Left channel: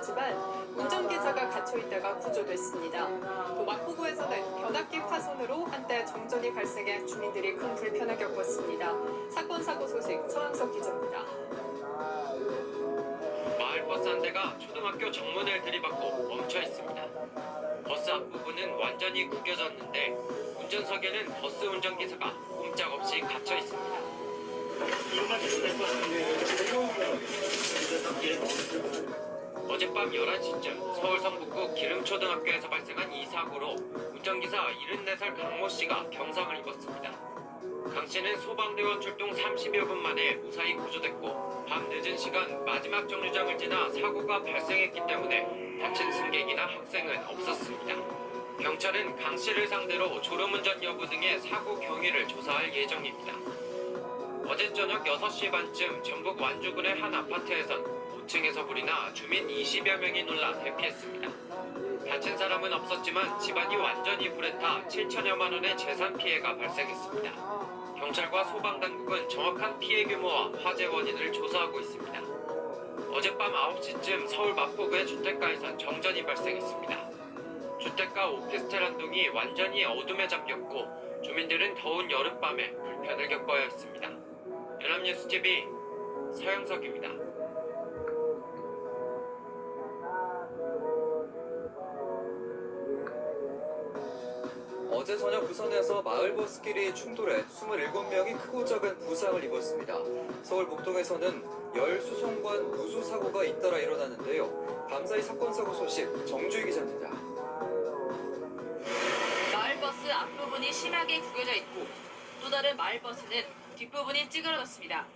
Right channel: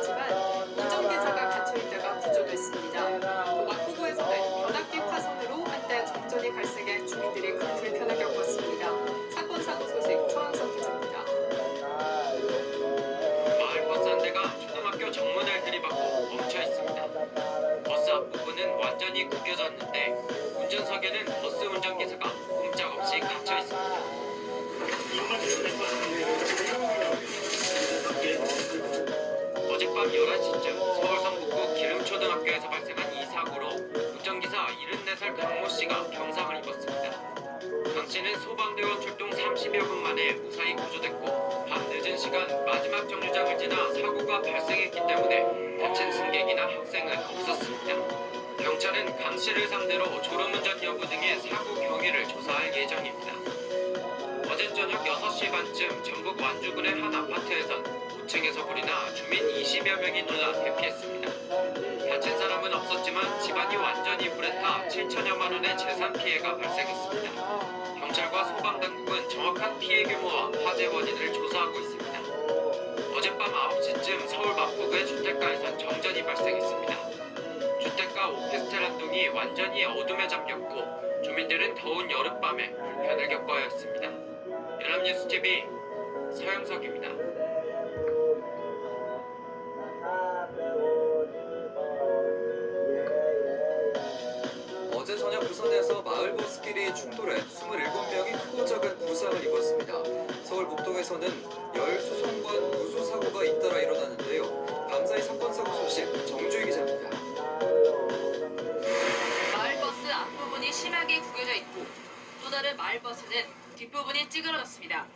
나왔지만 운전기사가 갇혀있다가 구조됐습니다. 또 마포구에서는 변압기 파손으로 한때 정전이 발생해 주민들이 큰 불편을 겪었습니다. 사건 사고 소식 서항석 기자입니다. 마을버스 한 대가 초등학교 정문을 들이받고 멈춰 있습니다. 버스 앞부분은 완전히 구겨졌는데 운전석에는 버스 운전기사가 꼼짝없이 갇혀 있습니다. 어젯밤 11시쯤 서울 성북구 기름초등학교에서 발생한 이 사고로 운전기사 74살 강모 씨가 경상을 입었습니다. 강 씨는 소방대원 출동 30여 분 만에 무사히 구조됐고 밤 늦은 시간 마지막 정류장을 지나 사고가 발생했기 때문에 다친 승객이나 학생은 없었습니다. 경찰은 강 씨를 상대로 졸음운전 여부 등의 사고 경위를 조사할 예정입니다. 어제 저녁 6시 반쯤 전북 완주군의 한 아파트에선 5층에서 불이 나 주민 20여 명이 놀라 대피했습니다. 다친 사람은 없었지만 집안이 완전히 불에 타 7천여만 원의 재산 피해가 발생했습니다. 경찰과 소방당국은 정확한 피해 규모와 화재 원인을 조사하고 있습니다. 어젯밤 9시쯤 서울 마포구의 주택가에선 정전이 발생했습니다. 주택가 오피스텔 한 동이 완전히 어둠에 잠겼고 주민들은 더운 여름밤에 불편을 겪어야 했습니다. 연합뉴스TV 서영석입니다. 어제 저녁 부산에서 마을버스끼리 충돌해 27명이 크고 작은 부상을 입었습니다. 서울 목동에서는 열수송관 누수 사고가 잇따라 일어났는데요. 감사히 사건 사고 소식 정주희 기자입니다. 마을버스 앞부분이 심하게 구겨져 있고 또 다른 마을버스는 뒷부분이 찌그러졌습니다.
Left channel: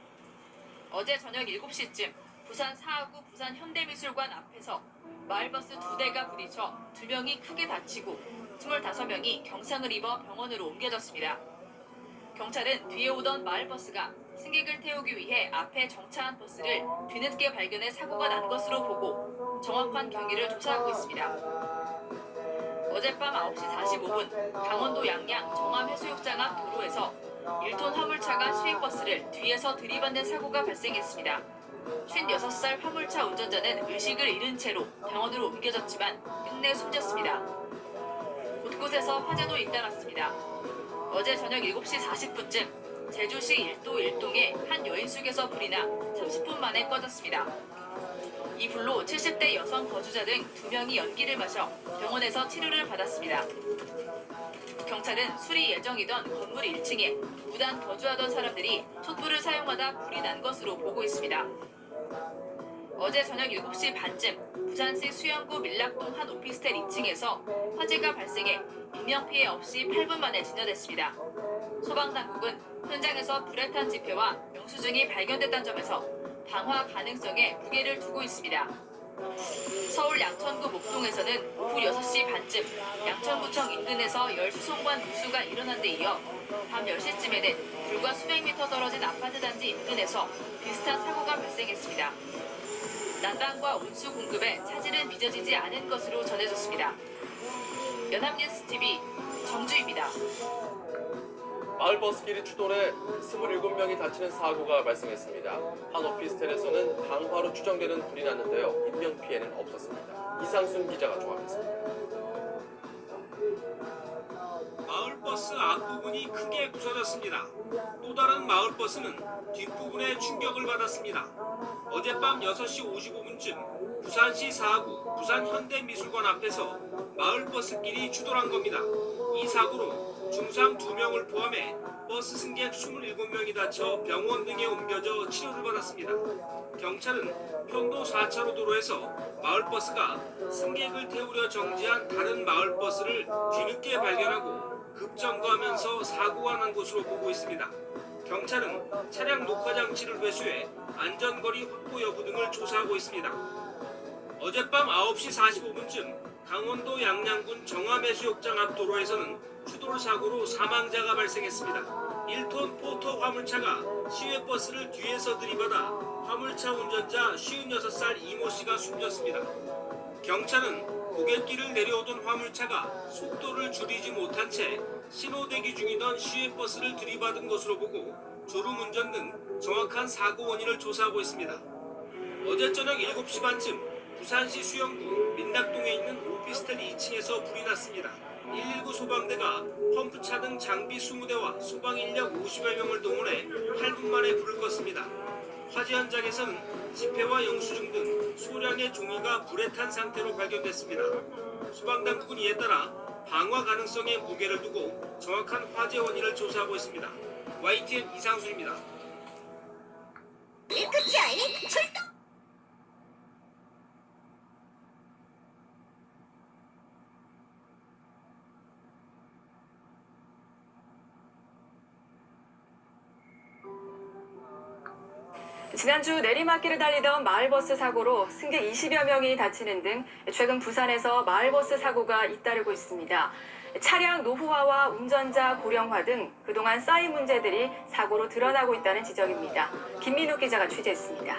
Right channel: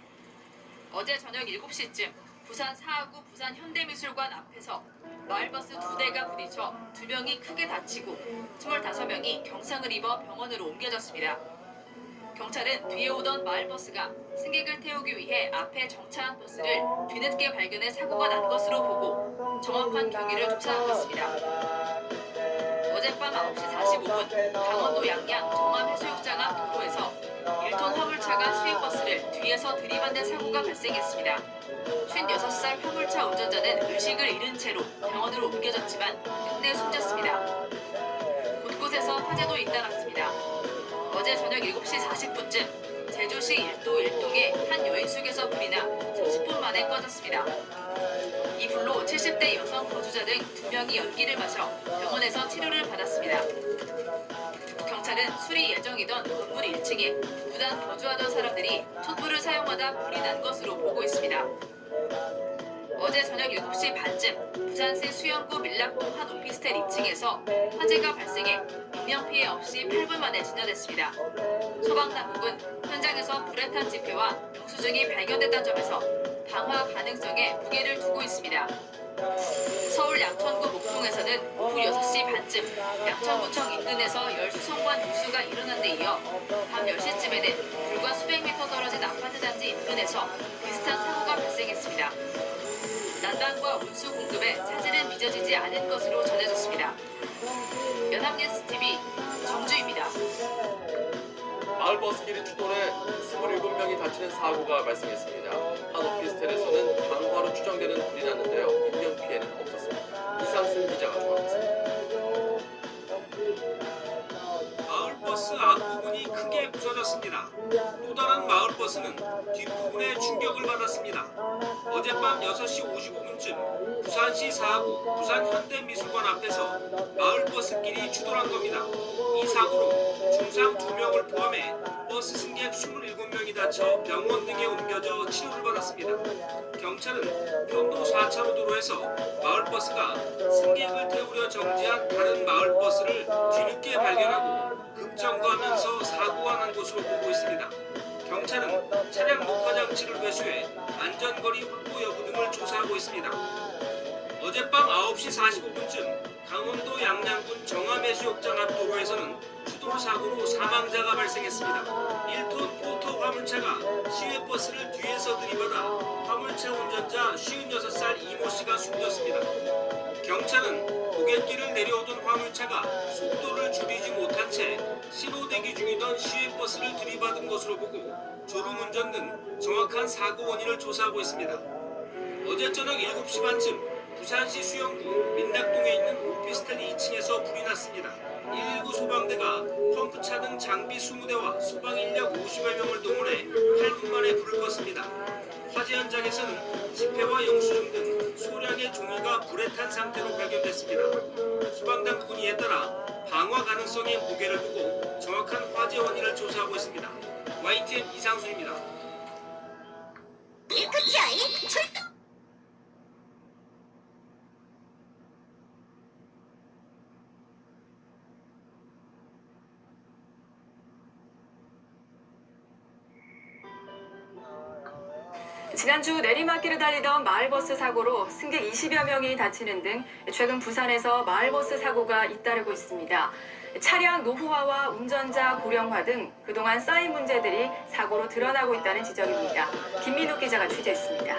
어제 저녁 7시쯤 부산 사하구 부산 현대미술관 앞에서 마을버스 2대가 부딪혀 2명이 크게 다치고 25명이 경상을 입어 병원으로 옮겨졌습니다. 경찰은 뒤에 오던 마을버스가 승객을 태우기 위해 앞에 정차한 버스를 뒤늦게 발견해 사고가 난 것으로 보고 정확한 경위를 조사하고 있습니다. 어젯밤 9시 45분 강원도 양양 정암해수욕장 앞 도로에서 1톤 화물차가 시외버스를 뒤에서 들이받는 사고가 발생했습니다. 56살 화물차 운전자는 의식을 잃은 채로 병원으로 옮겨졌지만 끝내 숨졌습니다. 곳곳에서 화재도 잇따랐습니다. 어제 저녁 7시 40분쯤 제주시 일도 일동의 한 여인숙에서 불이 나 30분 만에 꺼졌습니다. 이 불로 70대 여성 거주자 등 2명이 연기를 마셔 병원에서 치료를 받았습니다. 경찰은 수리 예정이던 건물 1층에 무단 거주하던 사람들이 촛불을 사용하다 불이 난 것으로 보고 있습니다. 어제 저녁 7시 반쯤 부산시 수영구 밀락동 한 오피스텔 2층에서 화재가 발생해 인명피해 없이 8분 만에 진화됐습니다. 소방당국은 현장에서 불에 탄 지표와 영수증이 발견됐다는 점에서 방화 가능성에 무게를 두고 있습니다. 서울 양천구 목동에서는 오후 6시 반쯤 양천구청 인근에서 열수송관 누수가 일어난 데 이어 밤 10시쯤에는 불과 수백 미터 떨어진 아파트 단지 인근에서 비슷한 사고가 발생했습니다. 난방과 온수 공급에 차질은 빚어지지 않을 것으로 전해졌습니다. 연합뉴스TV 정주입니다. 마을버스끼리 충돌해 27명이 다치는 사고가 발생했습니다. 한 오피스텔에서는 방화로 추정되는 불이 났는데요. 인명피해는 없었습니다. 이상순 기자가 전합니다. 마을버스 앞부분이 크게 부서졌습니다. 또 다른 마을버스는 뒷부분에 충격을 받았습니다. 어젯밤 6시 55분쯤 부산시 사하구 부산 현대미술관 앞에서 마을버스끼리 추돌한 겁니다. 이 사고로 중상 2명을 포함해 버스 승객 27명이 다쳐 병원 등에 옮겨져 치료를 받았습니다. 경찰은 편도 4차로 도로에서 마을버스가 승객을 태우려 정지한 다른 마을버스를 뒤늦게 발견하고 급정거하면서 사고가 난 것으로 보고 있습니다. 경찰은 차량 녹화 장치를 회수해 안전거리 확보 여부 등을 조사하고 있습니다. 어젯밤 9시 45분쯤 강원도 양양군 정암해수욕장 앞 도로에서는 추돌 사고로 사망자가 발생했습니다. 1톤 포터 화물차가 시외버스를 뒤에서 들이받아 화물차 운전자 56살 이모 씨가 숨졌습니다. 경찰은 고갯길을 내려오던 화물차가 속도를 줄이지 못한 채 신호대기 중이던 시외버스를 들이받은 것으로 보고 졸음운전 등 정확한 사고 원인을 조사하고 있습니다. 어제 저녁 7시 반쯤 부산시 수영구 민락동에 있는 오피스텔 2층에서 불이 났습니다. 119 소방대가 펌프차 등 장비 20대와 소방 인력 50여 명을 동원해 8분 만에 불을 껐습니다. 화재 현장에서는 지폐와 영수증 등 소량의 종이가 불에 탄 상태로 발견됐습니다. 소방당국은 이에 따라 방화 가능성에 무게를 두고 정확한 화재 원인을 조사하고 있습니다. YTN 이상수입니다. 이 끝이 아닌 출동! 지난주 내리막길을 달리던 마을버스 사고로 승객 20여 명이 다치는 등 최근 부산에서 마을버스 사고가 잇따르고 있습니다. 차량 노후화와 운전자 고령화 등 그동안 쌓인 문제들이 사고로 드러나고 있다는 지적입니다. 김민욱 기자가 취재했습니다.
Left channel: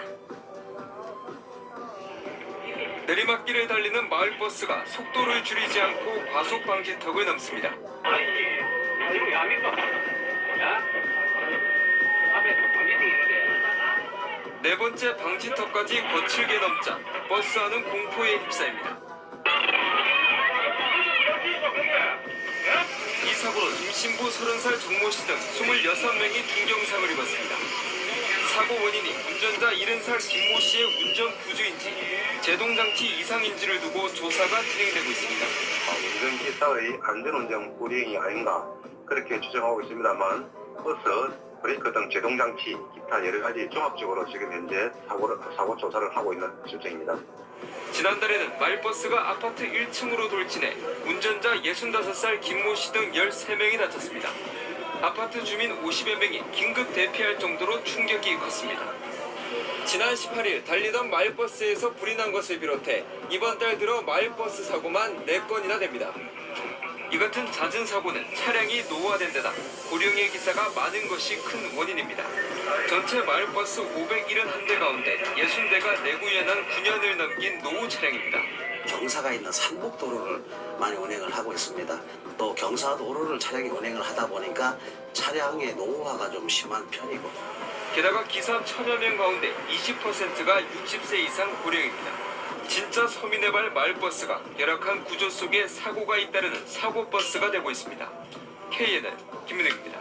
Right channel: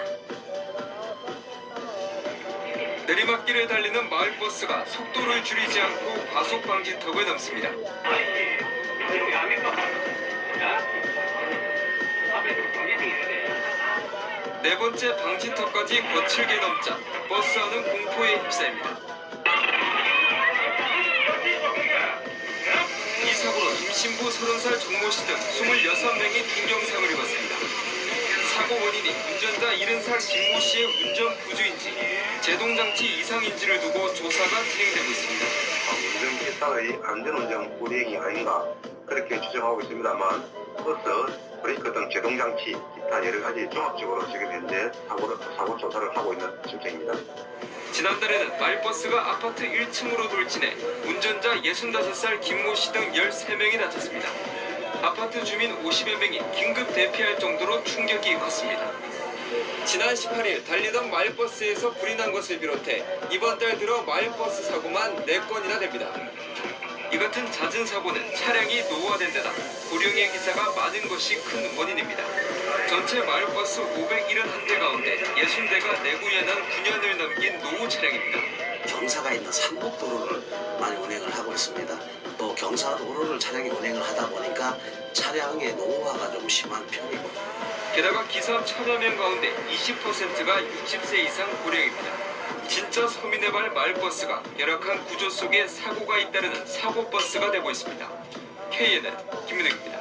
내리막길을 달리는 마을버스가 속도를 줄이지 않고 과속 방지턱을 넘습니다. 네 번째 방지턱까지 거칠게 넘자 버스 안은 공포에 휩싸입니다. 이 사고로 임신부 30살 정모 씨 등 26명이 중경상을 입었습니다. 사고 원인이 운전자 70살 김모 씨의 운전 부주인지 제동장치 이상인지를 두고 조사가 진행되고 있습니다. 운전기사의 안전운전 불이행이 아닌가 그렇게 추정하고 있습니다만 버스, 브레이크 등 제동장치, 기타 여러 가지 종합적으로 지금 현재 사고 조사를 하고 있는 실정입니다. 지난달에는 마을버스가 아파트 1층으로 돌진해 운전자 65살 김모 씨 등 13명이 다쳤습니다. 아파트 주민 50여 명이 긴급 대피할 정도로 충격이 컸습니다. 지난 18일 달리던 마을버스에서 불이 난 것을 비롯해 이번 달 들어 마을버스 사고만 4건이나 됩니다. 이 같은 잦은 사고는 차량이 노후화된 데다 고령의 기사가 많은 것이 큰 원인입니다. 전체 마을버스 571대 가운데 60대가 내구연한 9년을 넘긴 노후 차량입니다. 경사가 있는 산복도로를 많이 운행을 하고 있습니다. 또 경사도로를 차량이 운행을 하다 보니까 차량의 노후화가 좀 심한 편이고 게다가 기사 1000여 명 가운데 20%가 60세 이상 고령입니다. 진짜 서민의 발 마을버스가 열악한 구조 속에 사고가 잇따르는 사고버스가 되고 있습니다. KNN 김민욱입니다.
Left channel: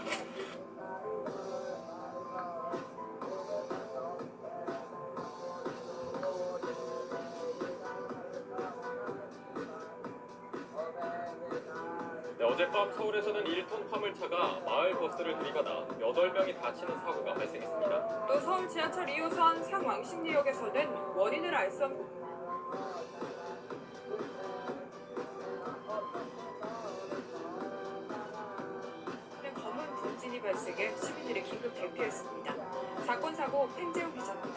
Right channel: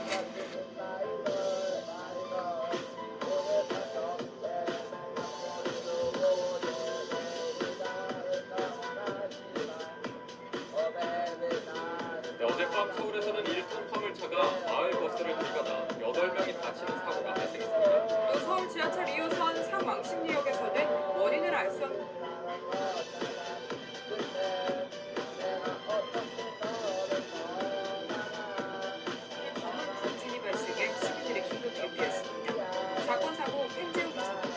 어젯밤 서울에서는 1톤 화물차가 마을버스를 들이받아 8명이 다치는 사고가 발생했습니다. 또 서울 지하철 2호선 상왕십리역에서는 원인을 알 수 없는 검은 분진이 발생해 시민들이 긴급 대피했습니다. 사건 사고 펜재우 기자입니다.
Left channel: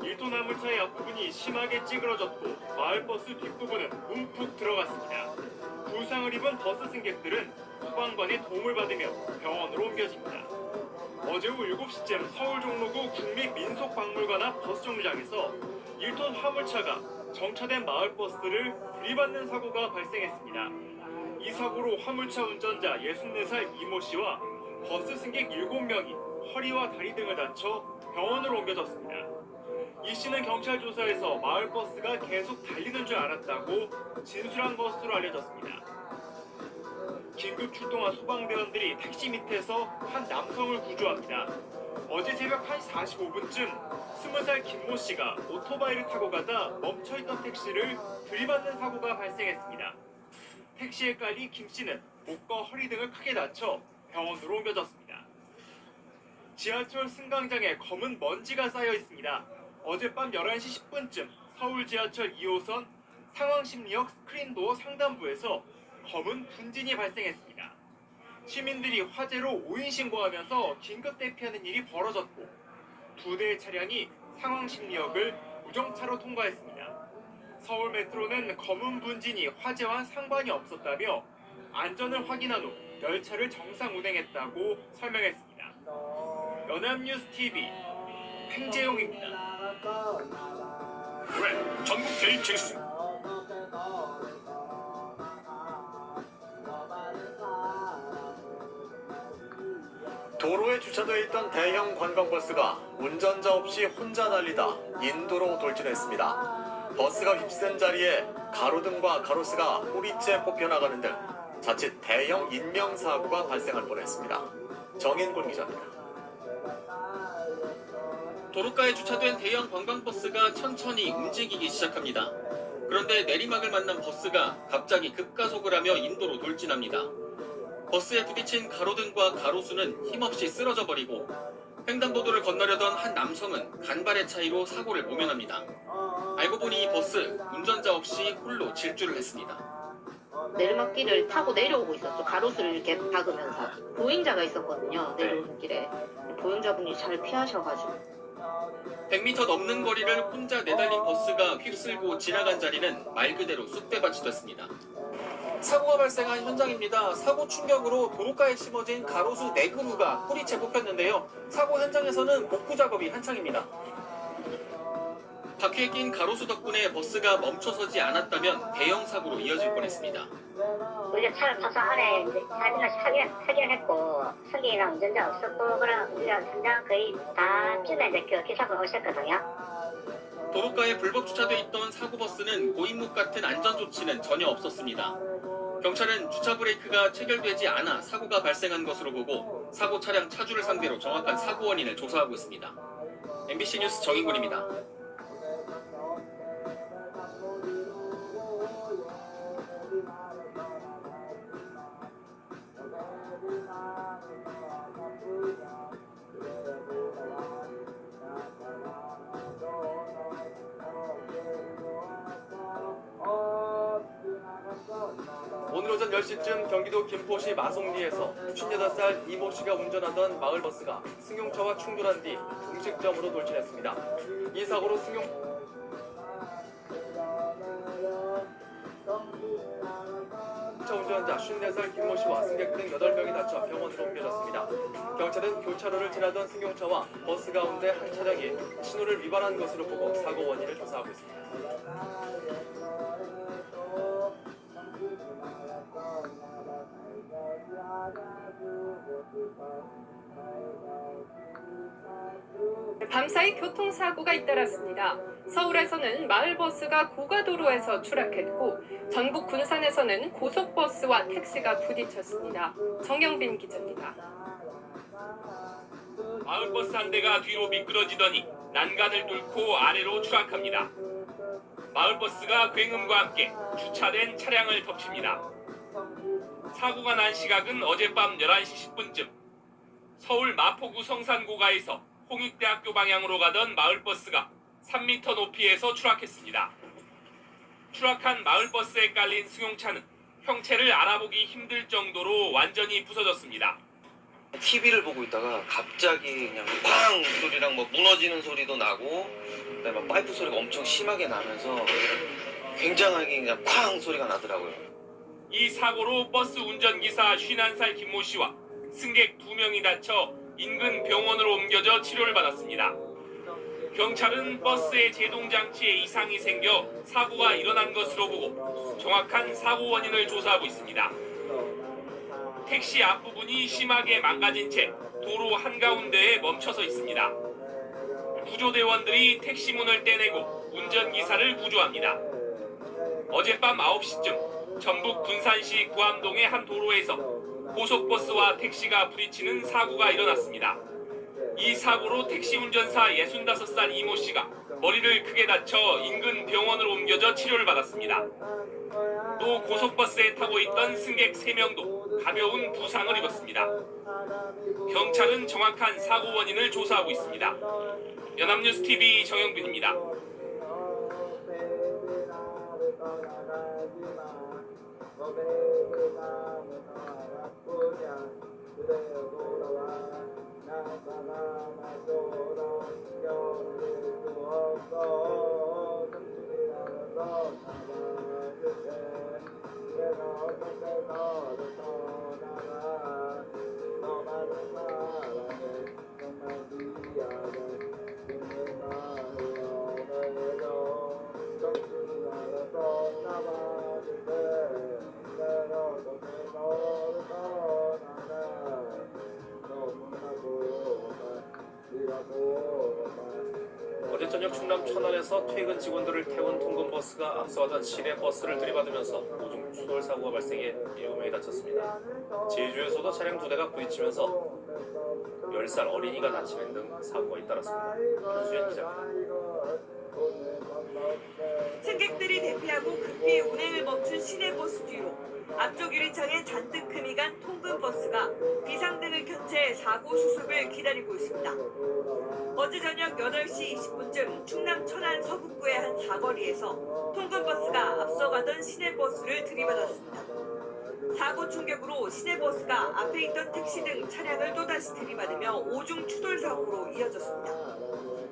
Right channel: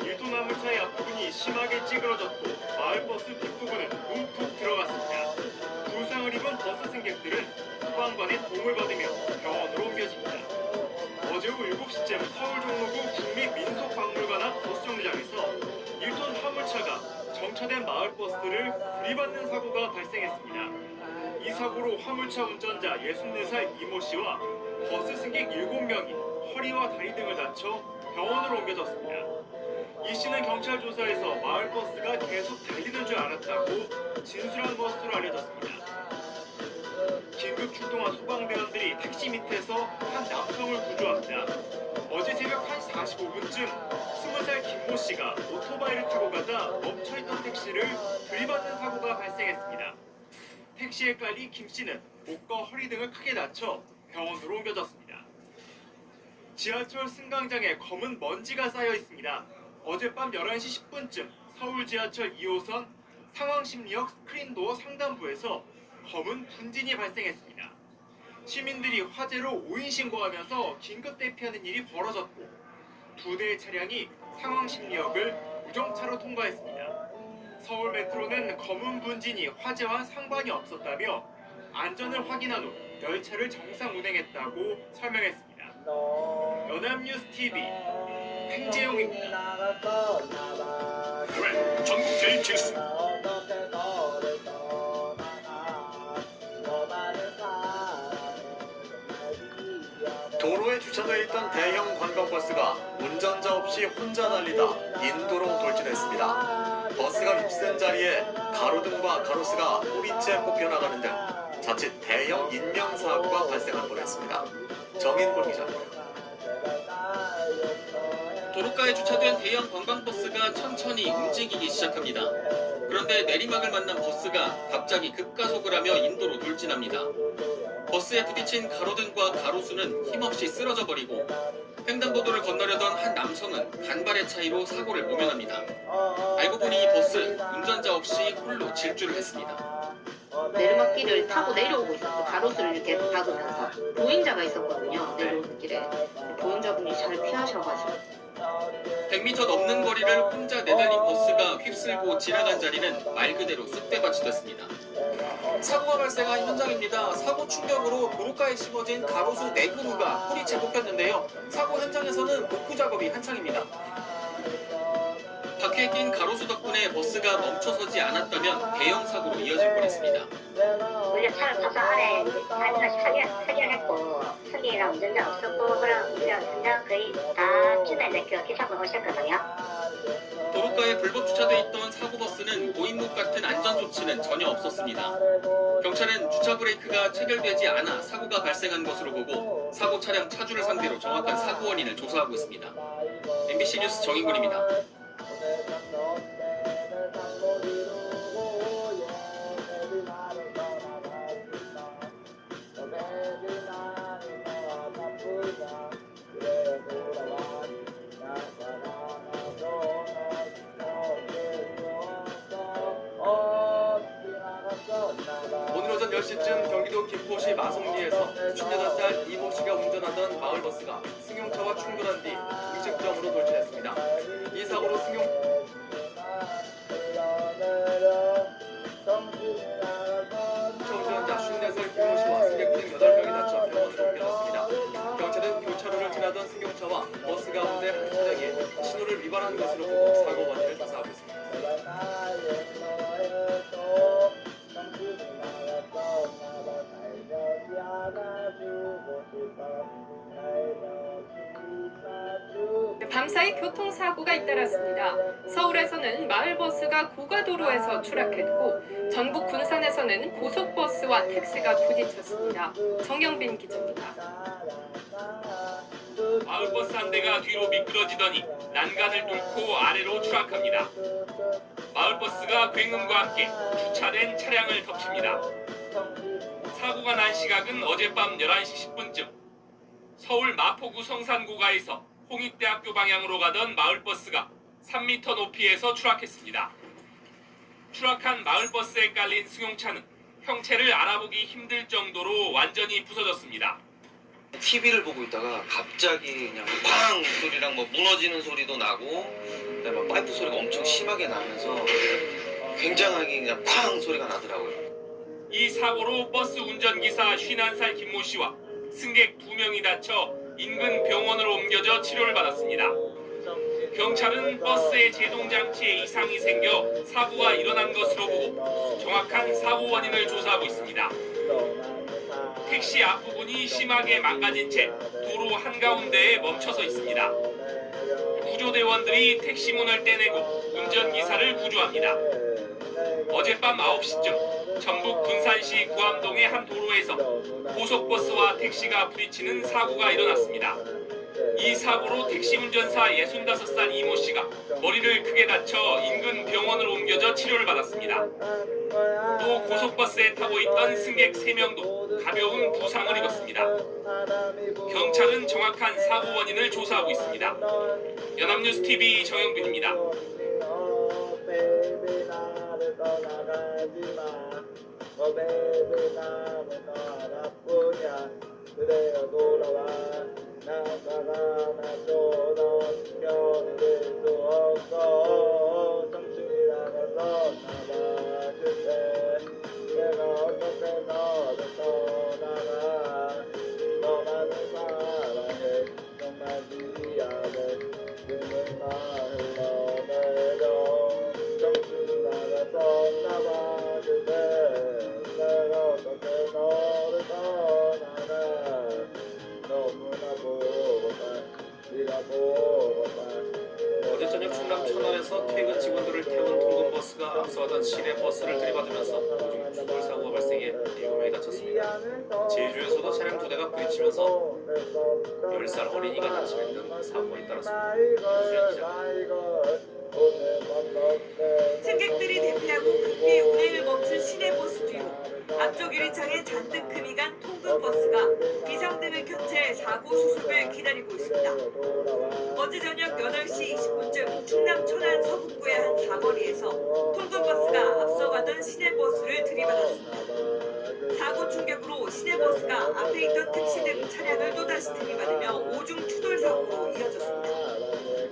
1톤 화물차의 앞부분이 심하게 찌그러졌고 마을버스 뒷부분은 움푹 들어갔습니다. 부상을 입은 버스 승객들은 소방관의 도움을 받으며 병원으로 옮겨집니다. 어제 오후 7시쯤 서울 종로구 국립민속박물관 앞 버스정류장에서 1톤 화물차가 정차된 마을버스를 들이받는 사고가 발생했습니다. 이 사고로 화물차 운전자 64살 이모 씨와 버스 승객 7명이 허리와 다리 등을 다쳐 병원으로 옮겨졌습니다. 이 씨는 경찰 조사에서 마을버스가 계속 달리는 줄 알았다고 진술한 것으로 알려졌습니다. 긴급 출동한 소방대원들이 택시 밑에서 한 남성을 구조합니다. 어제 새벽 1시 45분쯤 20살 김모 씨가 오토바이를 타고 가다 멈춰있던 택시를 들이받는 사고가 발생했습니다. 택시에 깔린 김 씨는 목과 허리 등을 크게 다쳐 병원으로 옮겨졌습니다. 지하철 승강장에 검은 먼지가 쌓여 있습니다. 어젯밤 11시 10분쯤 서울 지하철 2호선 상왕십리역 스크린도어 상단부에서 검은 분진이 발생했습니다. 시민들이 화재로 오인 신고하면서 긴급 대피하는 일이 벌어졌고 2대의 차량이 상왕십리역을 무정차로 통과했습니다. 서울 메트로는 검은 분진이 화재와 상관이 없었다며 안전을 확인한 후 열차를 정상 운행했다고 설명했습니다. 연합뉴스 TV 팽재용입니다. 그래, 전국 대립 질수. 도로에 주차되어 있던 대형 관광버스가 운전자 없이 혼자 달리다 인도로 발생했습니다. 버스가 휩쓴 자리에 가로등과 가로수가 꼬리째 뽑혀나가는 등 자칫 대형 인명사고가 발생할 뻔했습니다. 정인골 기자입니다. 도로가에 주차된 대형 관광버스가 천천히 움직이기 시작합니다. 그런데 내리막을 만난 버스가 갑자기 급가속을 하며 인도로 돌진합니다. 버스에 부딪힌 가로등과 가로수는 힘없이 쓰러져 버리고 횡단보도를 건너려던 한 남성은 간발의 차이로 사고를 모면합니다. 알고 보니 이 버스 운전자 없이 홀로 질주를 했습니다. 내리막길을 타고 내려오고 있었어. 가로수를 이렇게 박으면서. 보행자가 있었거든요. 내려오는 길에. 보행자분이 잘 피하셔가지고. 100m 넘는 거리를 혼자 내달린 버스가 휩쓸고 지나간 자리는 말 그대로 쑥대밭이 됐습니다. 사고가 발생한 현장입니다. 사고 충격으로 도로가에 심어진 가로수 4그루가 뿌리채 뽑혔는데요. 사고 현장에서는 복구 작업이 한창입니다. 바퀴에 낀 가로수 덕분에 버스가 멈춰서지 않았다면 대형 사고로 이어질 뻔했습니다. 원래 차를 타서 안에 설계했고 설계랑 운전자 없었고 그런 운전 거의 다쯤에 그 기사분 오셨거든요. 도로가에 불법 주차돼 있던 사고버스는 고인물 같은 안전조치는 전혀 없었습니다. 경찰은 주차 브레이크가 체결되지 않아 사고가 발생한 것으로 보고 사고 차량 차주를 상대로 정확한 사고 원인을 조사하고 있습니다. MBC 뉴스 정인군입니다. 오늘 오전 10시쯤 경기도 김포시 마송리에서 58살 이모 씨가 운전하던 마을버스가 승용차와 충돌한 뒤 음식점으로 돌진했습니다. 이 사고로 운전자 54살 김모 씨와 승객 등 8명이 다쳐 병원으로 옮겨졌습니다. 경찰은 교차로를 지나던 승용차와 버스 가운데 한 차량이 신호를 위반한 것으로 보고 사고 원인을 조사하고 있습니다. 밤사이 교통사고가 잇따랐습니다. 서울에서는 마을버스가 고가도로에서 추락했고 전북 군산에서는 고속버스와 택시가 부딪혔습니다. 정영빈 기자입니다. 마을버스 한 대가 뒤로 미끄러지더니 난간을 뚫고 아래로 추락합니다. 마을버스가 굉음과 함께 주차된 차량을 덮칩니다. 사고가 난 시각은 어젯밤 11시 10분쯤 서울 마포구 성산고가에서 홍익대학교 방향으로 가던 마을버스가 3m 높이에서 추락했습니다. 추락한 마을버스에 깔린 승용차는 형체를 알아보기 힘들 정도로 완전히 부서졌습니다. TV를 보고 있다가 갑자기 그냥 팡 소리랑 뭐 무너지는 소리도 나고 그다음에 막 파이프 소리가 엄청 심하게 나면서 굉장하게 그냥 쾅 소리가 나더라고요. 이 사고로 버스 운전기사 51살 김모 씨와 승객 2명이 다쳐 인근 병원으로 옮겨져 치료를 받았습니다. 경찰은 버스의 제동장치에 이상이 생겨 사고가 일어난 것으로 보고 정확한 사고 원인을 조사하고 있습니다. 택시 앞부분이 심하게 망가진 채 도로 한가운데에 멈춰서 있습니다. 구조대원들이 택시 문을 떼내고 운전기사를 구조합니다. 어젯밤 9시쯤 전북 군산시 구암동의 한 도로에서 고속버스와 택시가 부딪히는 사고가 일어났습니다. 이 사고로 택시 운전사 65살 이모 씨가 머리를 크게 다쳐 인근 병원으로 옮겨져 치료를 받았습니다. 또 고속버스에 타고 있던 승객 3명도 가벼운 부상을 입었습니다. 경찰은 정확한 사고 원인을 조사하고 있습니다. 연합뉴스TV 정영빈입니다. 출근길에서 퇴근 직원들을 태운 통근버스가 앞서가던 시내버스를 들이받으면서 추돌 사고가 발생해 7명이 다쳤습니다. 제주에서도 차량 2대가 부딪히면서 10살 어린이가 다치는 등 사고가 잇따랐습니다. 유수연 기자입니다. 승객들이 대피하고 급히 운행을 멈춘 시내버스 뒤로 앞쪽 유리창에 잔뜩 금이 간 통근버스가 비상등을 켠 채 사고 수습을 기다리고 있습니다. 어제 저녁 8시 20분쯤 충남 천안 서북부의 한 사거리에서 통근버스가 앞서가던 시내버스를 들이받았습니다. 사고 충격으로 시내버스가 앞에 있던 택시 등 차량을 또다시 들이받으며 오중 추돌 사고로 이어졌습니다.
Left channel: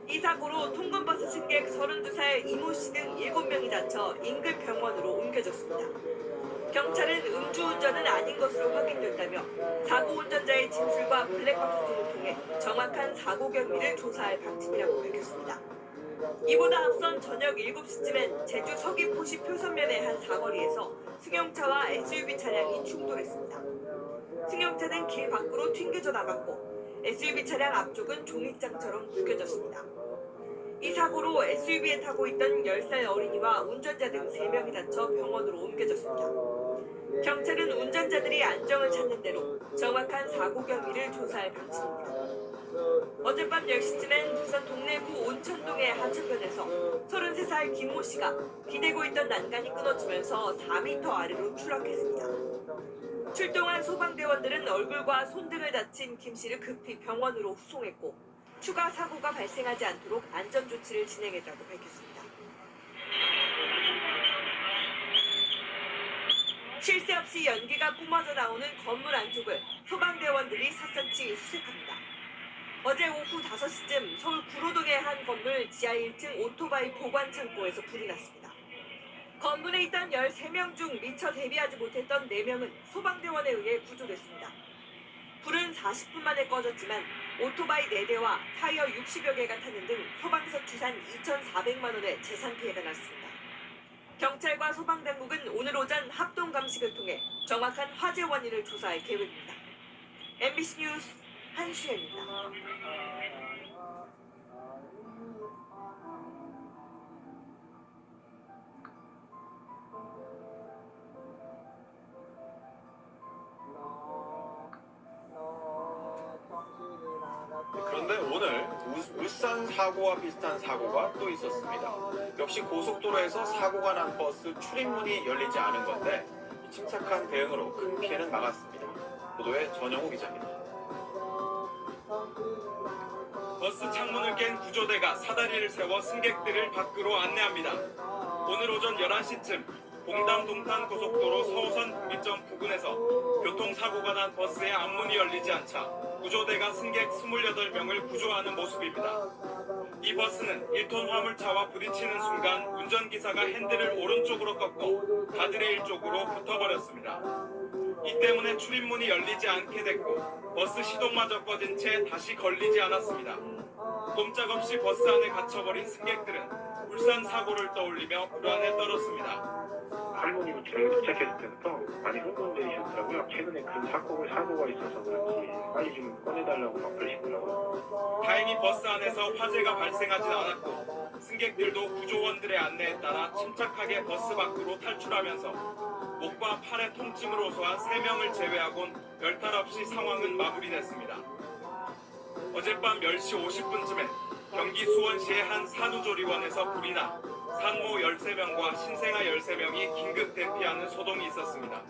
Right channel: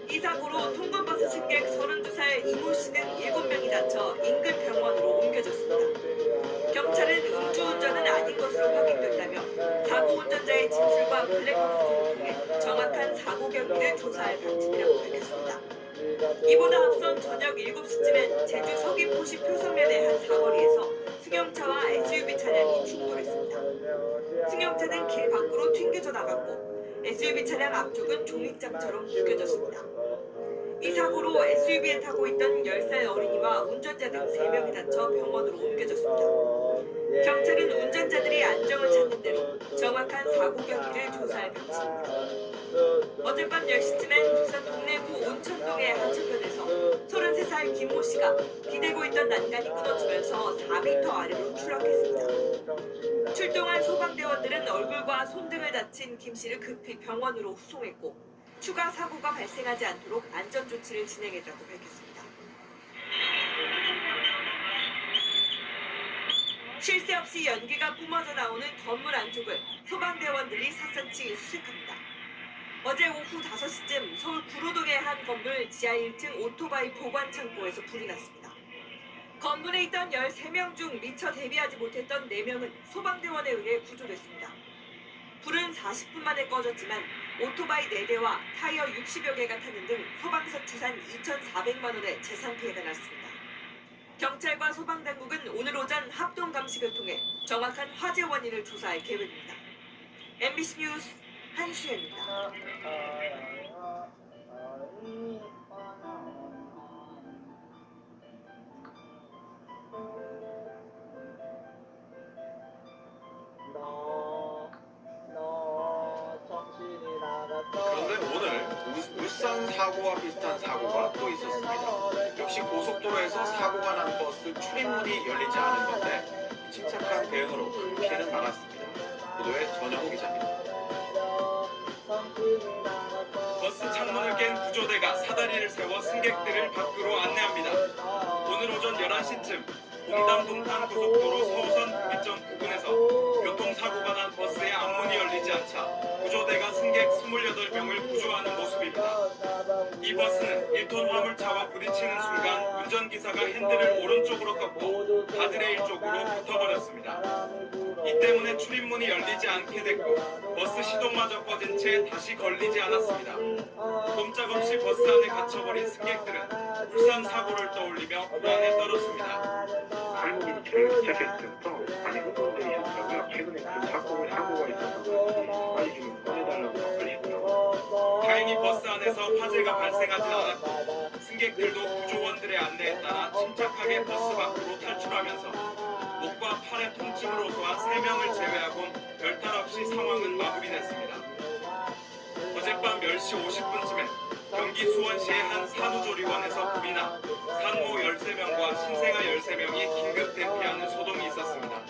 이 사고로 통근버스 승객 32살 이모 씨 등 7명이 다쳐 인근 병원으로 옮겨졌습니다. 경찰은 음주운전은 아닌 것으로 확인됐다며 사고 운전자의 진술과 블랙박스를 통해 정확한 사고 경위를 조사할 방침이라고 밝혔습니다. 이보다 앞선 저녁 7시쯤엔 제주 서귀포시 표선면의 한 사거리에서 승용차와 SUV 차량이 충돌했습니다. 승용차는 길 밖으로 튕겨져 나갔고 SUV 차량 앞쪽은 종이장처럼 묶여졌습니다. 이 사고로 SUV에 타고 있던 10살 어린이와 운전자 등 3명이 다쳐 병원으로 옮겨졌습니다. 경찰은 운전자들이 안정을 찾는 대로 정확한 사고 경위를 조사할 방침입니다. 어젯밤 10시쯤엔 부산 동래구 온천동의 하천변에서 33살 김모 씨가 기대고 있던 난간이 끊어지면서 4m 아래로 추락했습니다. 출동한 소방대원들은 얼굴과 손등을 다친 김 씨를 급히 병원으로 후송했고 추가 사고가 발생하지 않도록 안전조치를 진행했다고 밝혔습니다. 쉴 새 없이 연기가 뿜어져 나오는 건물 안쪽을 소방대원들이 샅샅이 수색합니다. 어제 오후 5시쯤 서울 구로동의 한 건물 지하 1층 오토바이 보관 창고에서 불이 났습니다. 건물에 있던 13명 중 미처 대비하지 못했던 4명은 소방대원에 의해 구조됐습니다. 불은 40분 만에 꺼졌지만 오토바이 4대와 타이어 60여 개가 타는 등 소방서 추산 2,400만 원의 재산 피해가 났습니다. 경찰과 소방당국은 오늘 오전 합동 감식을 통해 정확한 화재 원인을 조사할 계획입니다. MBC 뉴스 한수연입니다. 그런데 오늘 울산 사고와 비슷한 사고가 또 있었습니다. 역시 고속도로에서 사고가 난 버스 출입문이 열리지 않은 건데 침착한 대응으로 큰 피해는 막았습니다. 보도에 전영우 기자입니다. 버스 창문을 깬 구조대가 사다리를 세워 승객들을 밖으로 안내합니다. 오늘 오전 11시쯤 봉담 동탄 고속도로 서우선 분기점 부근에서 교통사고가 난 버스의 앞문이 열리지 않자 구조대가 승객 28명을 구조하는 모습입니다. 이 버스는 1톤 화물차와 부딪히는 순간 운전기사가 핸들을 오른쪽으로 꺾고 가드레일 쪽으로 붙어버렸습니다. 이 때문에 출입문이 열리지 않게 됐고 버스 시동마저 꺼진 채 다시 걸리지 않았습니다. 꼼짝없이 버스 안에 갇혀버린 승객들은 울산 사고를 떠올리며 불안에 떨었습니다. 할머니는 제가 도착했을 때부터 많이 흥분되셨더라고요. 최근에 그 사고가 있어서 그런지 빨리 좀 꺼내달라고 막 그러시더라고요. 다행히 버스 안에서 화재가 발생하지 않았고 승객들도 구조원들의 안내에 따라 침착하게 버스 밖으로 탈출하면서 목과 팔의 통증을 호소한 3명을 제외하곤 별탈 없이 상황은 마무리됐습니다. 어젯밤 10시 50분쯤엔 경기 수원시의 한 산후조리원에서 불이 나 산모 13명과 신생아 13명이 긴급 대피하는 소동이 있었습니다.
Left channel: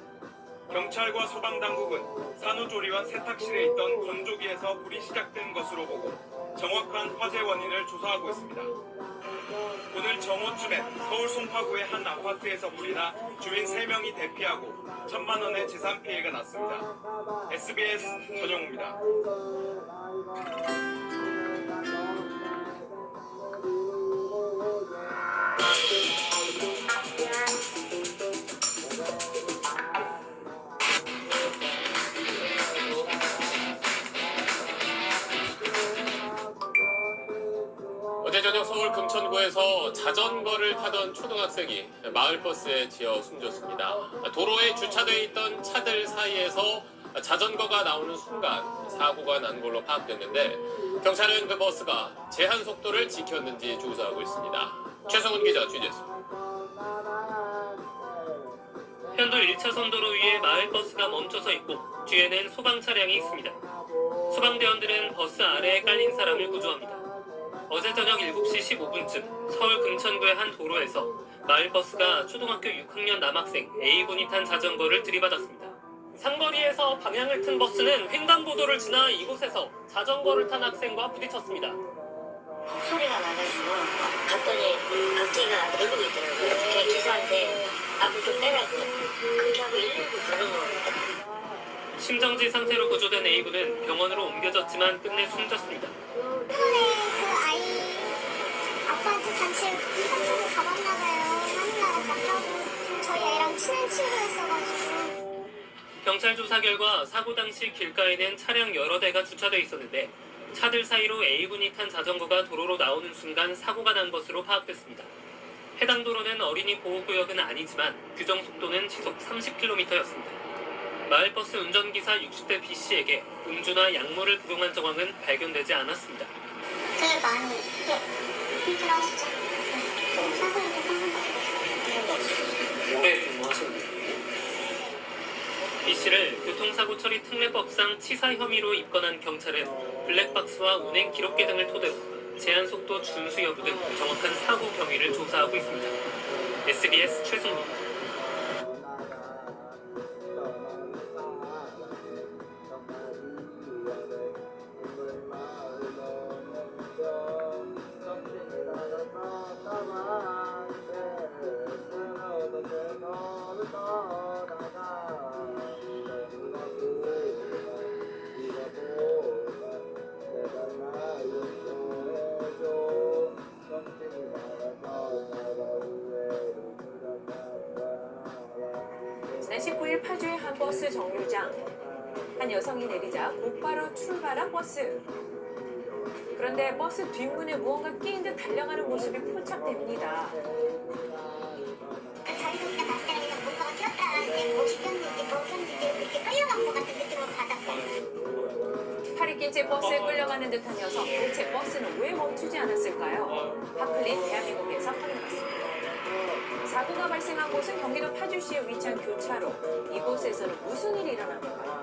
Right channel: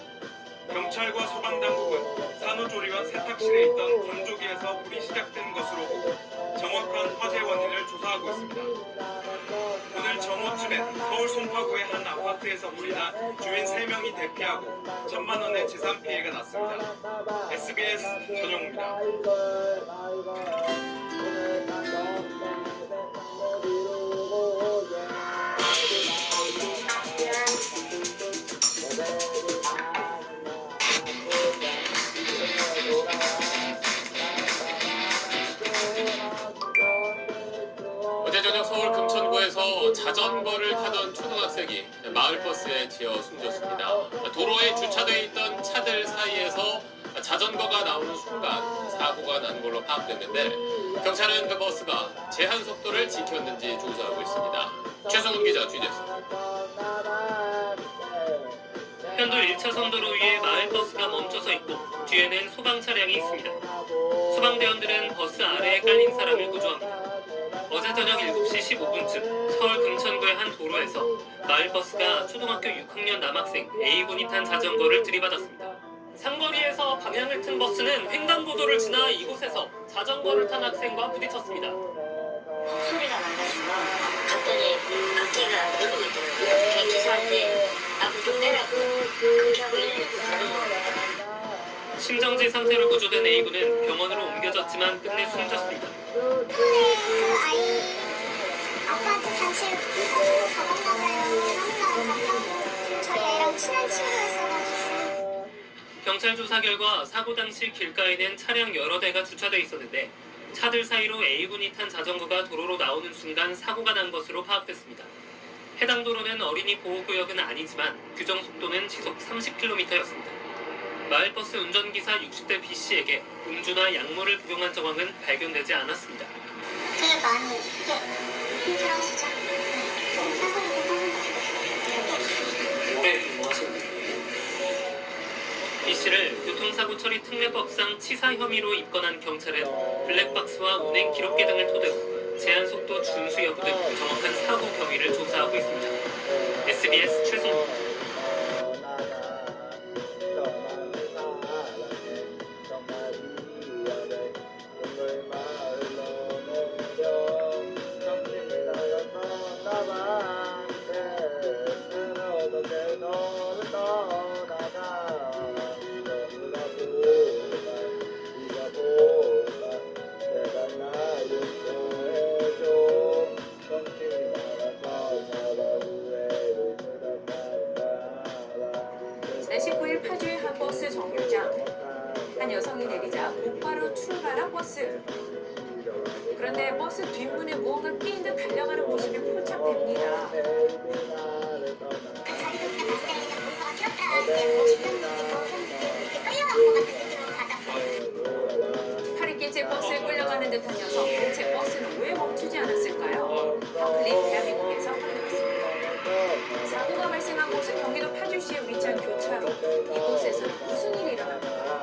경찰과 소방당국은 산후조리원 세탁실에 있던 건조기에서 불이 시작된 것으로 보고 정확한 화재 원인을 조사하고 있습니다. 오늘 정오쯤엔 서울 송파구의 한 아파트에서 불이 나 주민 3명이 대피하고 1,000만 원의 재산 피해가 났습니다. SBS 전영우입니다. 어제 저녁 서울 금천구에서 자전거를 타던 초등학생이 마을버스에 치여 숨졌습니다. 도로에 주차돼 있던 차들 사이에서 자전거가 나오는 순간 사고가 난 걸로 파악됐는데 경찰은 그 버스가 제한 속도를 지켰는지 조사하고 있습니다. 최성훈 기자 취재했습니다. 편도 1차선 도로 위에 마을버스가 멈춰서 있고 뒤에는 소방 차량이 있습니다. 소방대원들은 버스 아래에 깔린 사람을 구조합니다. 어제 저녁 7시 15분쯤 서울 금천구의 한 도로에서 마을버스가 초등학교 6학년 남학생 A군이 탄 자전거를 들이받았습니다. 상거리에서 방향을 튼 버스는 횡단보도를 지나 이곳에서 자전거를 탄 학생과 부딪혔습니다. 소리가 나가지고 갔더니 바퀴가 내리고 있더라고요. 그래서 기사한테 앞으로 좀 빼라고 그렇게 하고 119 부르는 거예요. 심정지 상태로 구조된 A군은 병원으로 옮겨졌지만 끝내 숨졌습니다. 그 아이 아빠한테 단체로 가봤나봐요. 하는 갔다고 저희 애랑 친한 친구였어가지고. 경찰 조사 결과 사고 당시 길가에는 차량 여러 대가 주차돼 있었는데 차들 사이로 A군이 탄 자전거가 도로로 나오는 순간 사고가 난 것으로 파악됐습니다. 해당 도로는 어린이 보호구역은 아니지만 규정 속도는 시속 30km였습니다. 마을버스 운전기사 60대 B씨에게 음주나 약물을 복용한 정황은 발견되지 않았습니다. 되게 많이 힘들어하시죠? 오래 근무하셨나요? B씨를 교통사고 처리 특례법상 치사 혐의로 입건한 경찰은 블랙박스와 운행 기록계 등을 토대로 제한속도 준수 여부 등 정확한 사고 경위를 조사하고 있습니다. SBS 최승호입니다. 지난 19일 파주의 한 버스 정류장. 한 여성이 내리자 곧바로 출발한 버스. 그런데 버스 뒷문에 무언가 끼인 듯 달려가는 모습이 포착됩니다. 자기가 봤을 때 그냥 뭔가가 튀었다 이제 뭐 짚혔는지 이렇게 끌려간 것 같은 느낌으로 받았어요. 팔이 낀 채 버스에 끌려가는 듯한 여성. 대체 버스는 왜 멈추지 않았을까요? 하플릿 대한민국에서 확인했습니다. 사고가 발생한 곳은 경기도 파주시의 위치한 교차로. 이곳에서는 무슨 일이 일어난 건가요?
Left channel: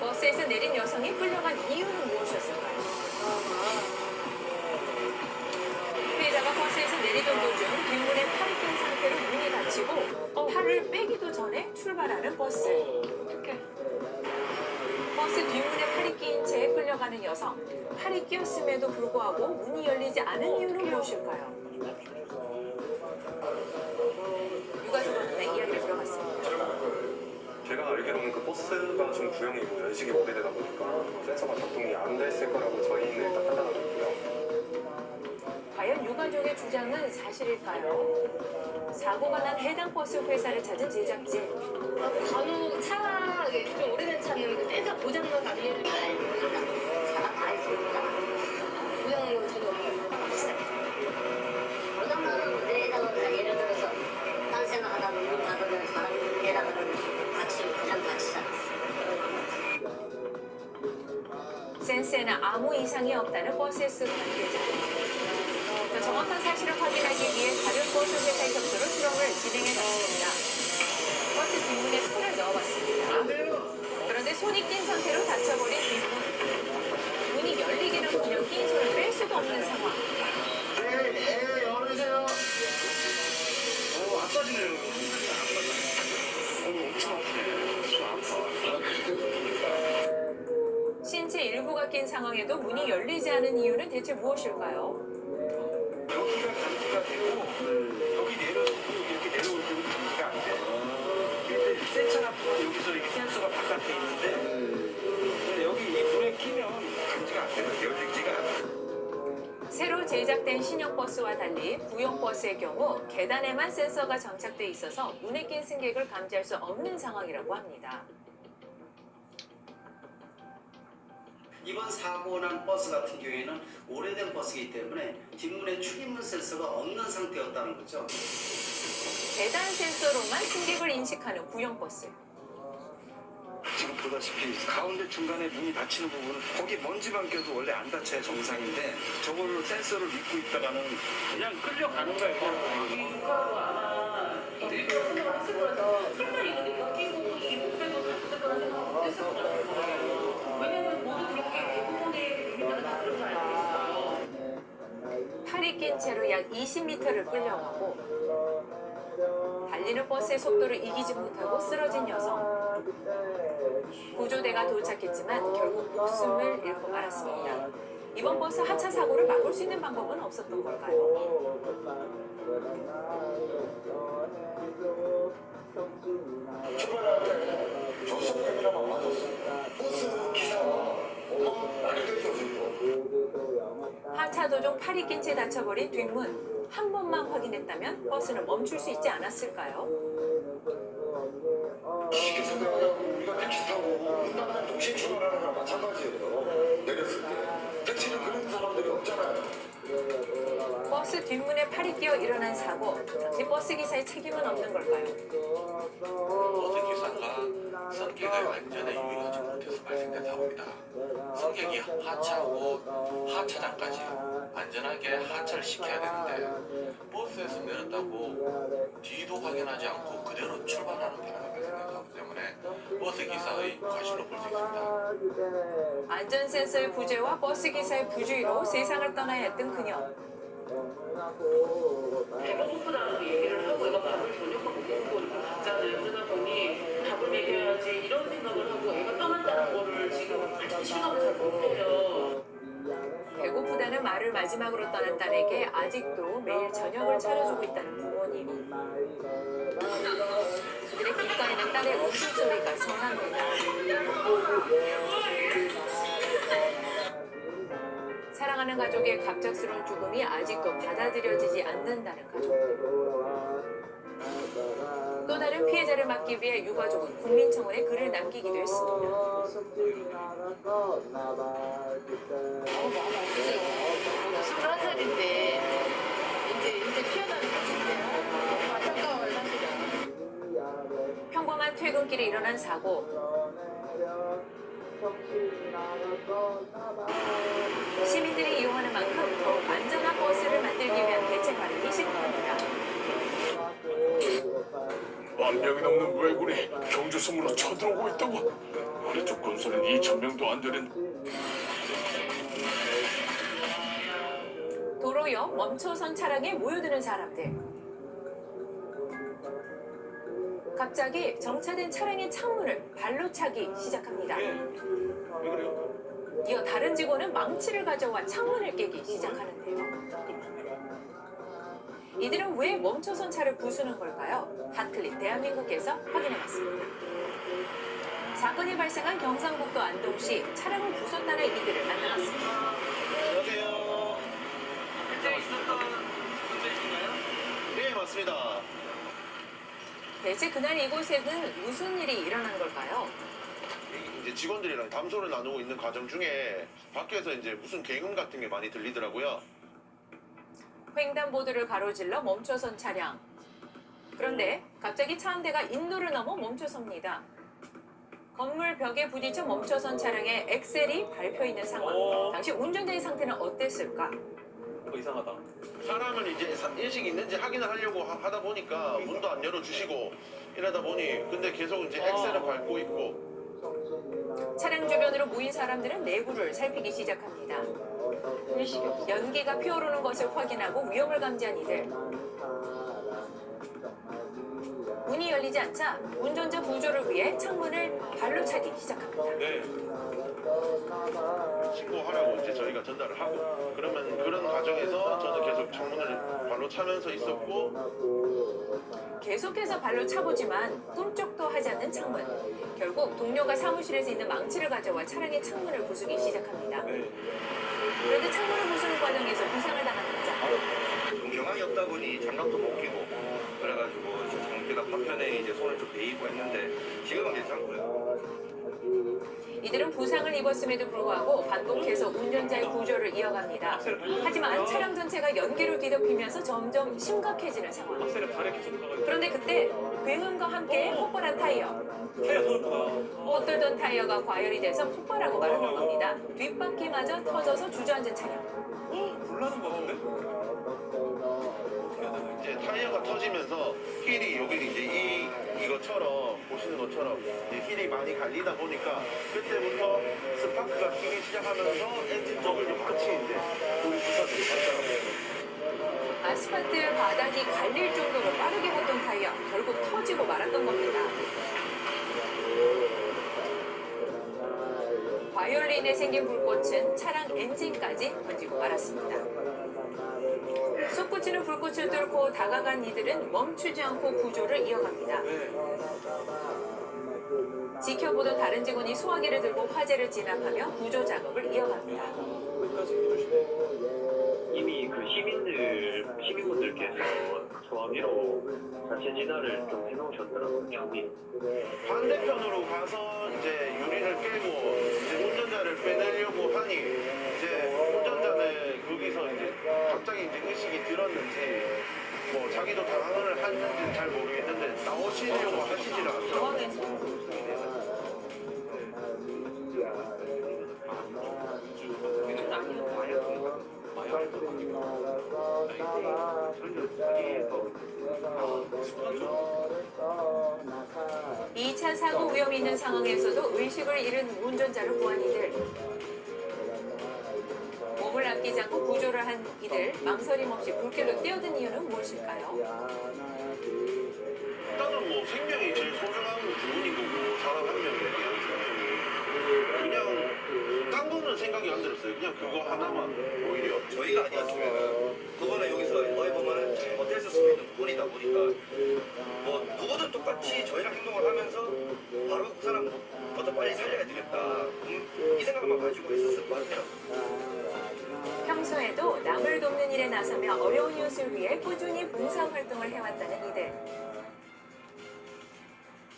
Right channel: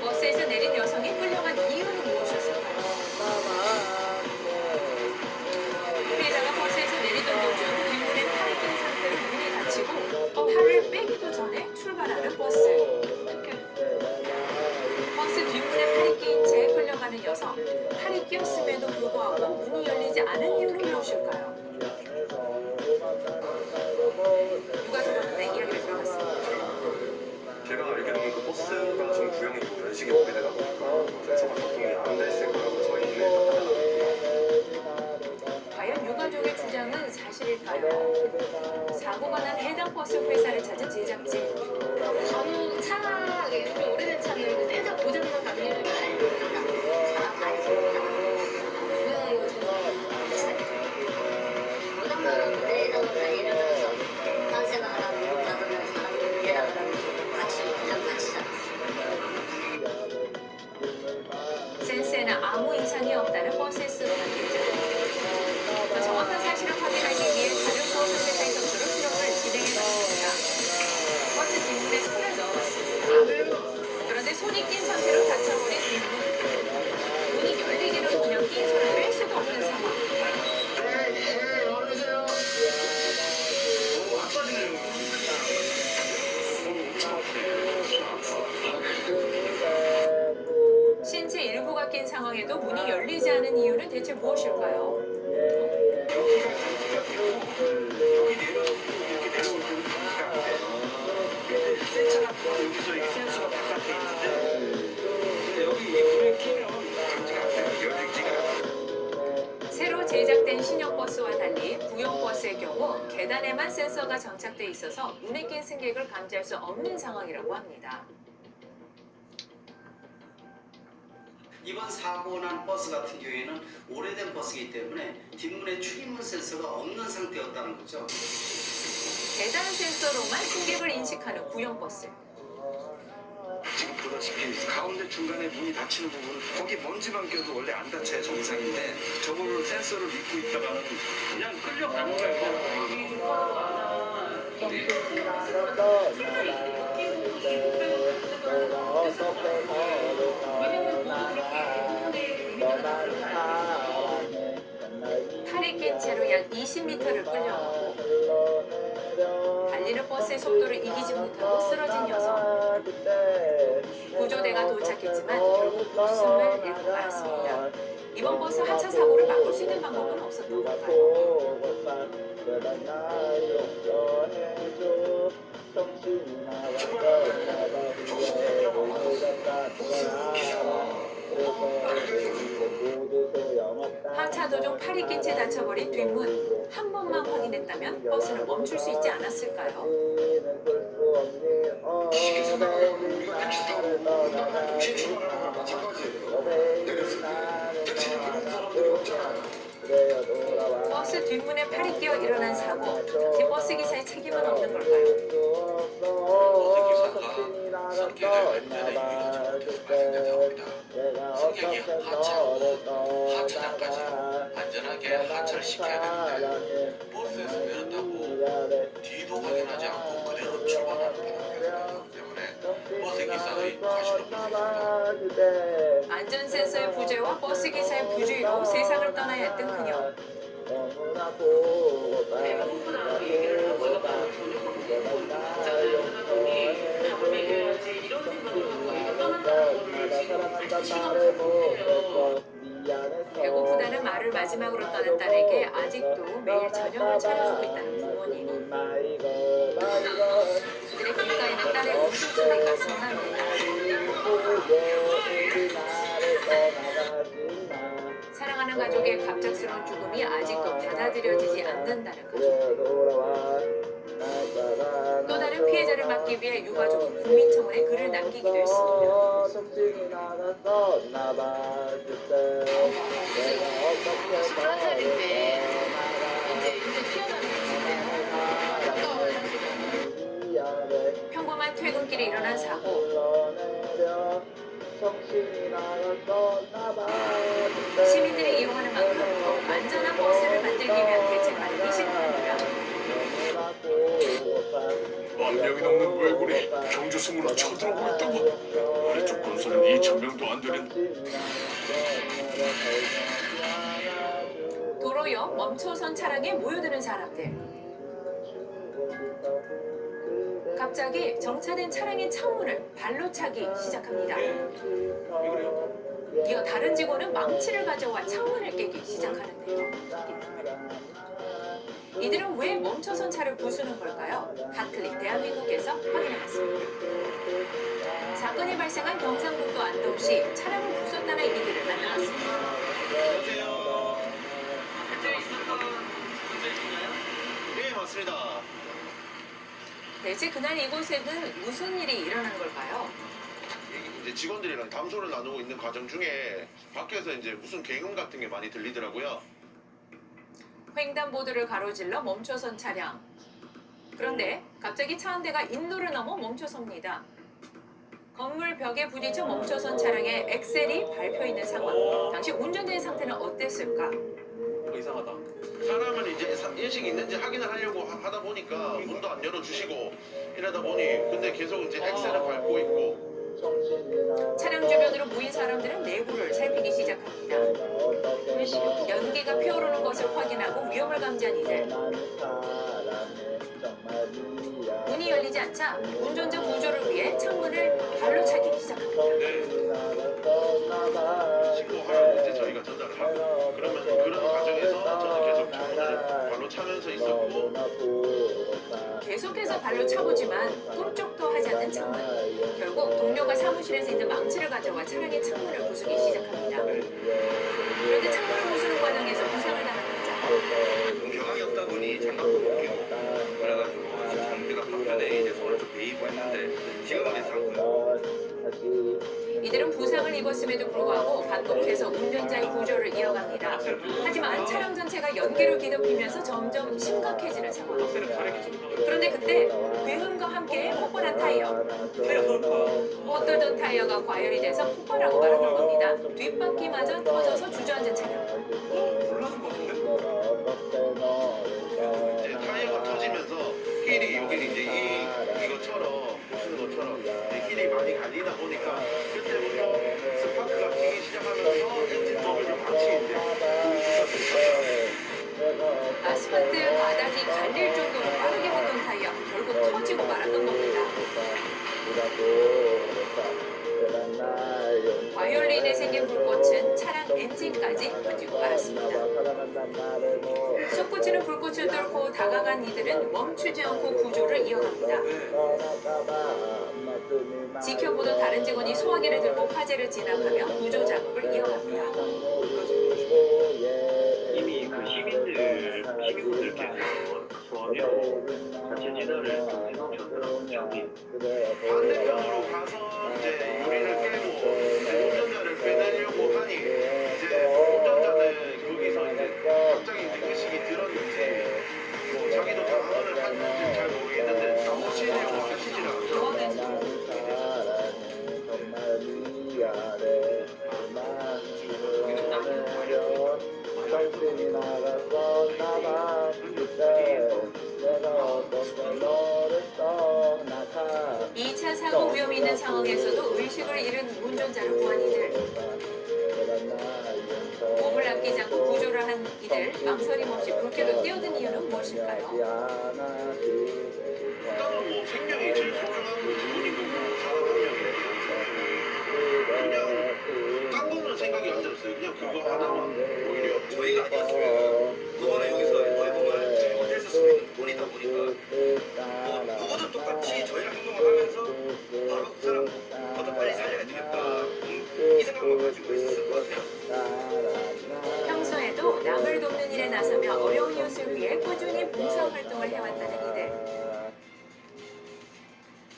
버스에서 내린 여성이 끌려간 이유는 무엇이었을까요? 피해자가 버스에서 내리던 도중 뒷문에 팔이 낀 상태로 문이 닫히고 팔을 빼기도 전에 출발하는 버스. 버스 뒷문에 팔이 끼인 채 끌려가는 여성. 팔이 끼었음에도 불구하고 문이 열리지 않은 이유는 무엇일까요? 유가족한테 이야기를 들어봤습니다. 제가 알기로는 그 버스가 좀 구형이고 연식이 오래되다 보니까 센서가 작동이 안 됐을 거라고 저희는 일단 판단하고 있고요. 과연 유가족의 주장은 사실일까요? 사고가 난 해당 버스 회사를 찾은 제작진. 간혹 차에 좀 오래된 차는 센서 고장난 감리를 고장나는 데다가 예를 들어서 딴 생각하다가 문 닫으면 사람 데다가 같이 고장 같이 센스에는 아무 이상이 없다는 버스에서 관계자. 정확한 사실을 확인하기 위해 가격보험회사의 격투로 실험을 진행해봤습니다. 버스 뒷문에 손을 넣어봤습니다. 그런데 손이 낀 상태로 닫혀버린 뒷문. 문이 열리기는 그냥 낀 손을 뺄 수도 없는 상황. 신체 일부가 낀 상황에도 문이 열리지 않은 이유는 대체 무엇일까요? 여기가 감지가 되고 여기 내려서 이렇게 내려올 때는 감지가 안 돼. 센서가 여기서 이 센서가 바깥에 있는데 여기 이 불에 끼면 감지가 안 돼요. 열리지가 않아요. 새로 제작된 신형 버스와 달리 구형 버스의 경우 계단에만 센서가 장착돼 있어서 문에 낀 승객을 감지할 수 없는 상황이라고 합니다. 이번 사고 난 버스 같은 경우에는 오래된 버스이기 때문에 뒷문에 출입문 센서가 없는 상태였다는 거죠. 계단 센서로만 승객을 인식하는 구형 버스. 지금 보다시피 가운데 중간에 문이 닫히는 부분은 거기 먼지만 껴도 원래 안 닫혀야 정상인데 저걸 센서를 믿고 있다가는 그냥 끌려가는 거예요. 팔이 낀 채로 약 20m를 끌려가고 달리는 버스의 속도를 이기지 못하고 쓰러진 여성. 구조대가 도착했지만 결국 목숨을 잃고 말았습니다. 이번 버스 하차 사고를 막을 수 있는 방법은 없었던 걸까요? 하차 도중 팔이 낀 채 닫혀버린 뒷문. 한 번만 확인했다면 버스는 멈출 수 있지 않았을까요? 쉽게 생각하면 우리가 택시 타고 문 닫는 동시에 출발하는 거랑 마찬가지예요. 내렸을 때 택시를 부르는 사람들이 없잖아요. 버스 뒷문에 팔이 끼어 일어난 사고. 뒷버스 기사의 책임은 없는 걸까요? 버스 기사가 성격이 완전히 유의하지 못해서 발생된 사고입니다. 승객이 하차하고 하차장까지 안전하게 하차를 시켜야 되는데 버스에서 내렸다고 뒤도 확인하지 않고 그대로 출발하는 경우가 발생된 사고 때문에 버스 기사의 과실로 볼 수 있습니다. 안전 센서의 부재와 버스 기사의 부주의로 세상을 떠나야 했던 그녀. 내가 후보다라고 얘기를 하고 애가 마음을 전혀 바꾸고 자를 그러다 보니 밥을 먹여야지 이런 생각을 하고 애가 떠난다는 거를 지금 실감을 잘 못해요. 배고프다는 말을 마지막으로 떠난 딸에게 아직도 매일 저녁을 차려주고 있다는 부모님. 그들의 귓가에는 딸의 웃음소리가 성납니다. 사랑하는 가족의 갑작스러운 죽음이 아직도 받아들여지지 않는다는 가족. 또 다른 피해자를 막기 위해 유가족은 국민청원에 글을 남기기도 했습니다. 11살인데 이제 피어나는 평범한 퇴근길에 일어난 사고. 시민들이 이용하는 만큼 더욱 안전한 버스를 만들기 위한 대책 마련이 시급합니다. 만 명이 넘는 왜군이 경주성으로 쳐들어오고 있다고. 아래쪽 건설은 2,000명도 안 되는. 도로 옆 멈춰선 차량에 모여드는 사람들. 갑자기 정차된 차량의 창문을 발로 차기 시작합니다. 이어 다른 직원은 망치를 가져와 창문을 깨기 시작하는데요. 이들은 왜 멈춰선 차를 부수는 걸까요? 핫클릭 대한민국에서 확인해봤습니다. 사건이 발생한 경상북도 안동시 차량을 부쉈다는 이들을 만나봤습니다. 안녕하세요. 현재 있었던 문제인가요? 네, 맞습니다. 대체 그날 이곳에는 무슨 일이 일어난 걸까요? 이제 직원들이랑 담소를 나누고 있는 과정 중에 밖에서 이제 무슨 굉음 같은 게 많이 들리더라고요. 횡단보도를 가로질러 멈춰선 차량. 그런데 갑자기 차 한 대가 인도를 넘어 멈춰섭니다. 건물 벽에 부딪혀 멈춰선 차량에 엑셀이 밟혀 있는 상황. 당시 운전자의 상태는 어땠을까? 이상하다. 사람은 이제 인식이 있는지 확인을 하려고 하다 보니까 문도 안 열어주시고 이러다 보니 근데 계속 이제 엑셀을 밟고 있고 차량 주변으로 모인 사람들은 내부를 살피기 시작합니다. 연기가 피어오르는 것을 확인하고 위험을 감지한 이들. 문이 열리지 않자 운전자 구조를 위해 창문을 발로 차기 시작합니다. 신고하라고 이제 저희가 전달을 하고 그러면 그런 과정에서 저는 계속 창문을 발로 차면서 있었고 계속해서 발로 차보지만 꿈쩍도 하지 않는 창문. 결국 동료가 사무실에서 있는 망치를 가져와 차량의 창문을 부수기 시작합니다. 그런데 창문을 부수는 과정에서 부상을 당한 남자. 경황이 없다 보니 장갑도 못 끼고 그래가지고 장비가 한편에 이제 손을 좀 베이고 했는데 지금은 괜찮고요. 이들은 부상을 입었음에도 불구하고 반복해서 운전자의 구조를 이어갑니다. 하지만 차량 전체가 연기로 뒤덮이면서 점점 심각해지는 상황. 그런데 그때 굉음과 함께 폭발한 타이어. 엇돌던 타이어가 과열이 돼서 폭발하고 말았던 겁니다. 뒷바퀴마저 터져서 주저앉은 차량. 이제 타이어가 터지면서 휠이 여기 이제 이것처럼 보시는 것처럼 이제 휠이 많이 갈리다 보니까 그때부터 스파크가 끼기 시작하면서 엔진 쪽을 좀 같이 이제 부서지기 시작하더라고요. 아스팔트 바닥이 갈릴 정도로 빠르게 걷던 타이어 결국 터지고 말았던 겁니다. 과열로 인해 생긴 불꽃은 차량 엔진까지 번지고 말았습니다. 솟구치는 불꽃을 뚫고 다가간 이들은 멈추지 않고 구조를 이어갑니다. 지켜보던 다른 직원이 소화기를 들고 화재를 진압하며 구조 작업을 이어갑니다. 이미 그 시민분들께서 소화기로 자체 진화를 경진으로 전달하고 있는데 반대편으로 가서 이제 유리를 깨고 이제 운전자를 빼내려고 하니 이제 운전자는 거기서 이제 갑자기 이제 의식이 들었는지 뭐 자기도 당황을 했는지 잘 모르겠는데 나오시려고 하시질 않더라고요. 이 차 사고 위험이 있는 상황에서도 의식을 잃은 운전자를 구한 이들. 몸을 아끼지 않고 구조를 한 이들. 망설임 없이 불길로 뛰어든 이유는 무엇일까요? 일단은 뭐 생명이 제일 소중한 부분이고 뭐 사람 한 명이에요. 그냥 딴 거는 생각이 안 들었어요. 그냥 그거 하나만 오히려 저희가 아니었으면 그거는 여기서 어이 보면 잘못했을 수도 있는 부분이다 보니까 뭐 누구도 똑같이 저희랑 행동을 하면서 바로 그 사람 더 빨리 살려야 되겠다 이 생각만 가지고 있었을 것 같아요. 평소에도 남을 돕는 일에 나서며 어려운 이웃을 위해 꾸준히 봉사활동을 해왔다는 이들.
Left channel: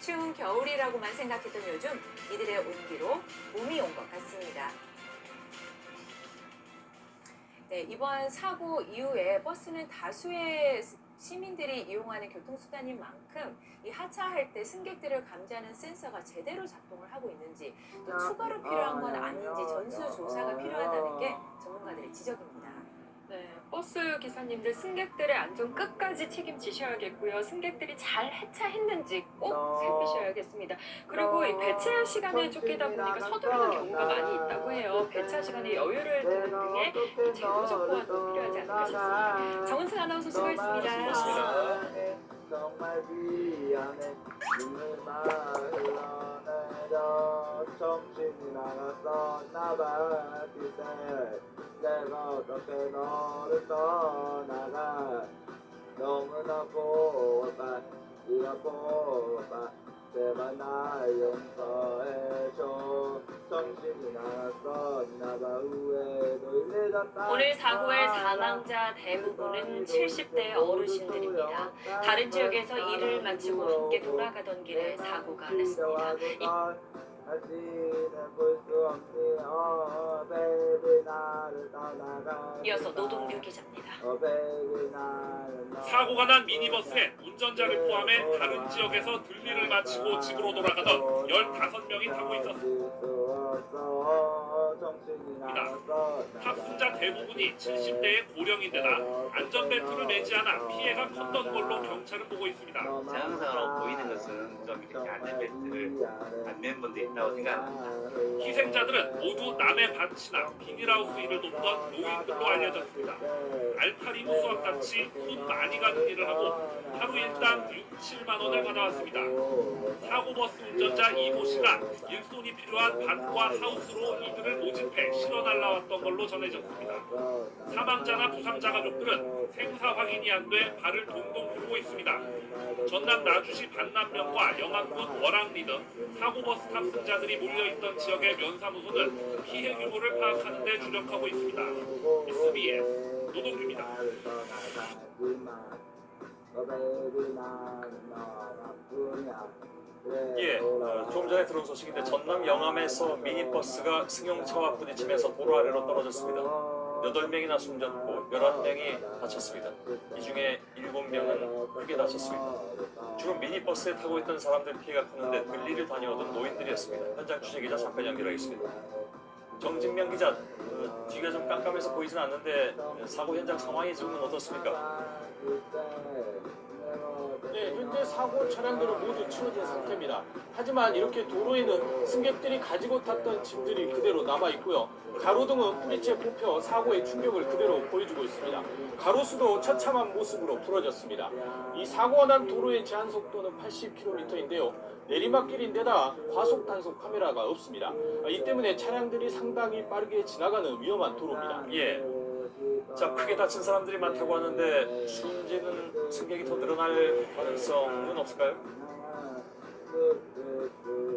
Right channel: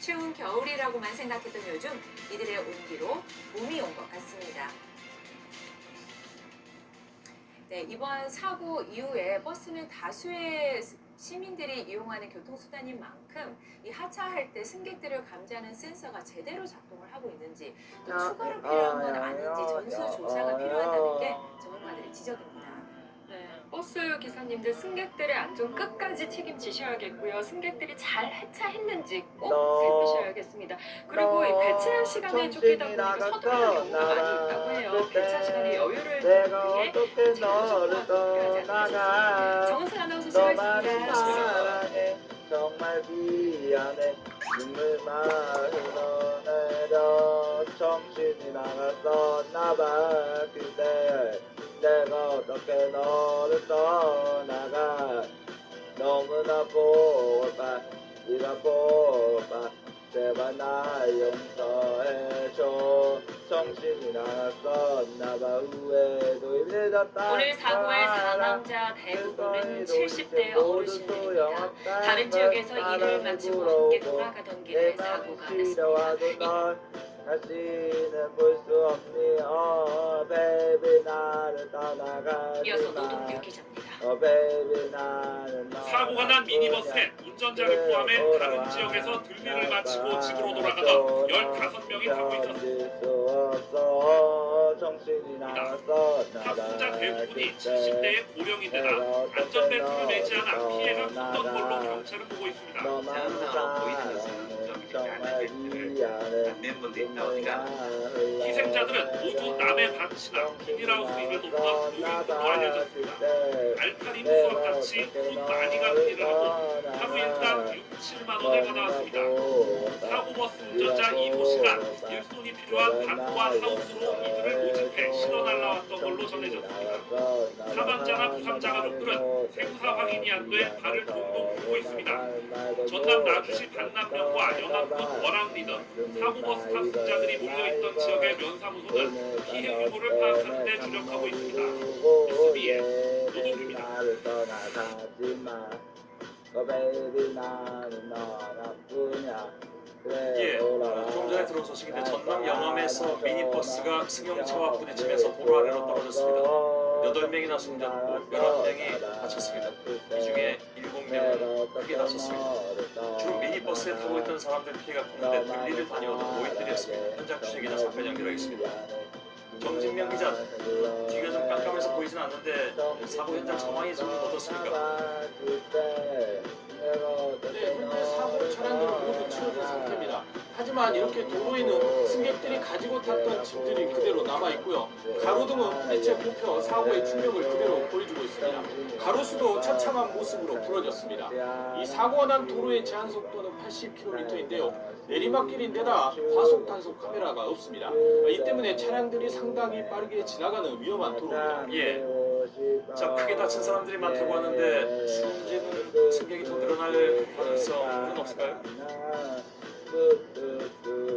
추운 겨울이라고만 생각했던 요즘 이들의 온기로 봄이 온 것 같습니다. 네, 이번 사고 이후에 버스는 다수의 시민들이 이용하는 교통수단인 만큼 이 하차할 때 승객들을 감지하는 센서가 제대로 작동을 하고 있는지 또 추가로 필요한 건 아닌지 전수조사가 필요하다는 게 전문가들의 지적입니다. 네, 버스 기사님들 승객들의 안전 끝까지 책임지셔야겠고요. 승객들이 잘 하차했는지 꼭 살피셔야겠습니다. 그리고 이 배차 시간에 쫓기다 보니까 서두르는 경우가 많이 있다고 해요. 배차 시간에 여유를 두는 등의 제도 정보가 필요하지 않겠습니까? 정은승 아나운서 수고했습니다. 정말 미안해 눈물만 흘러내려 정신이 나갔었나봐 그때 내가 어떻게 너를 떠나가 너무나 보다 네가 보다 제발 날 용서해줘 정신이 나갔었나봐 후회도 늦었다 오늘 사고의 사망자 대부분은 70대 어르신들입니다. 다른 지역에서 일을 마치고 함께 돌아가던 길에 사고가 났습니다. 다시는 볼 수 없니 baby 나를 떠나가 이어서 노동길 기자입니다. baby 나를 사고가 난 미니버스에 운전자를 포함해 다른 지역에서 등교를 마치고 집으로 돌아가던 15명이 타고 있었습니다. 탑승자 대부분이 70대의 고령인데다 안전벨트를 매지 않아 피해가 컸던 걸로 경찰은 보고 있습니다. 제한사로 보이는 것은 좀 이렇게 안전벨트를 안 맨 분도 있다 보니까 희생자들은 모두 남의 밭이나 비닐하우스 일을 돕던 노인들로 알려졌습니다. 알파리 무수와 같이 손 많이 가는 일을 하고 하루 일당 6, 7만 원을 받아왔습니다. 사고버스 운전자 이모 씨가 일손이 필요한 밭과 하우스로 이들을 모집해 실어 날라왔던 걸로 전해졌습니다. 사망자나 부상자 가족들은 생사 확인이 안 돼 발을 동동 굴고 있습니다. 전남 나주시 반남면과 영암군 월암리 등 사고버스 탑승자들이 몰려있던 지역의 면사무소는 피해 규모를 파악하는 데 주력하고 있습니다. SBS 노동규입니다. baby 나는 너랑 뿐이야 예, 좀 전에 들어온 소식인데 전남 영암에서 미니버스가 승용차와 부딪히면서 도로 아래로 떨어졌습니다. 8명이나 숨졌고 11명이 다쳤습니다. 이 중에 7명은 크게 다쳤습니다. 주로 미니버스에 타고 있던 사람들 피해가 컸는데 들리를 다녀오던 노인들이었습니다. 현장 취재기자 잠깐 연결하겠습니다. 정진명 기자, 뒤가 좀 깜깜해서 보이진 않는데 사고 현장 상황이 지금 어떻습니까? 네, 현재 사고 차량들은 모두 치워진 상태입니다. 하지만 이렇게 도로에는 승객들이 가지고 탔던 짐들이 그대로 남아 있고요. 가로등은 부딪혀 뽑혀 사고의 충격을 그대로 보여주고 있습니다. 가로수도 처참한 모습으로 부러졌습니다. 이 사고가 난 도로의 제한 속도는 80km인데요. 내리막길인데다 과속 단속 카메라가 없습니다. 이 때문에 차량들이 상당히 빠르게 지나가는 위험한 도로입니다. 예. 자, 크게 다친 사람들이 많다고 하는데 숨지는 승객이 더 늘어날 가능성은 없을까요?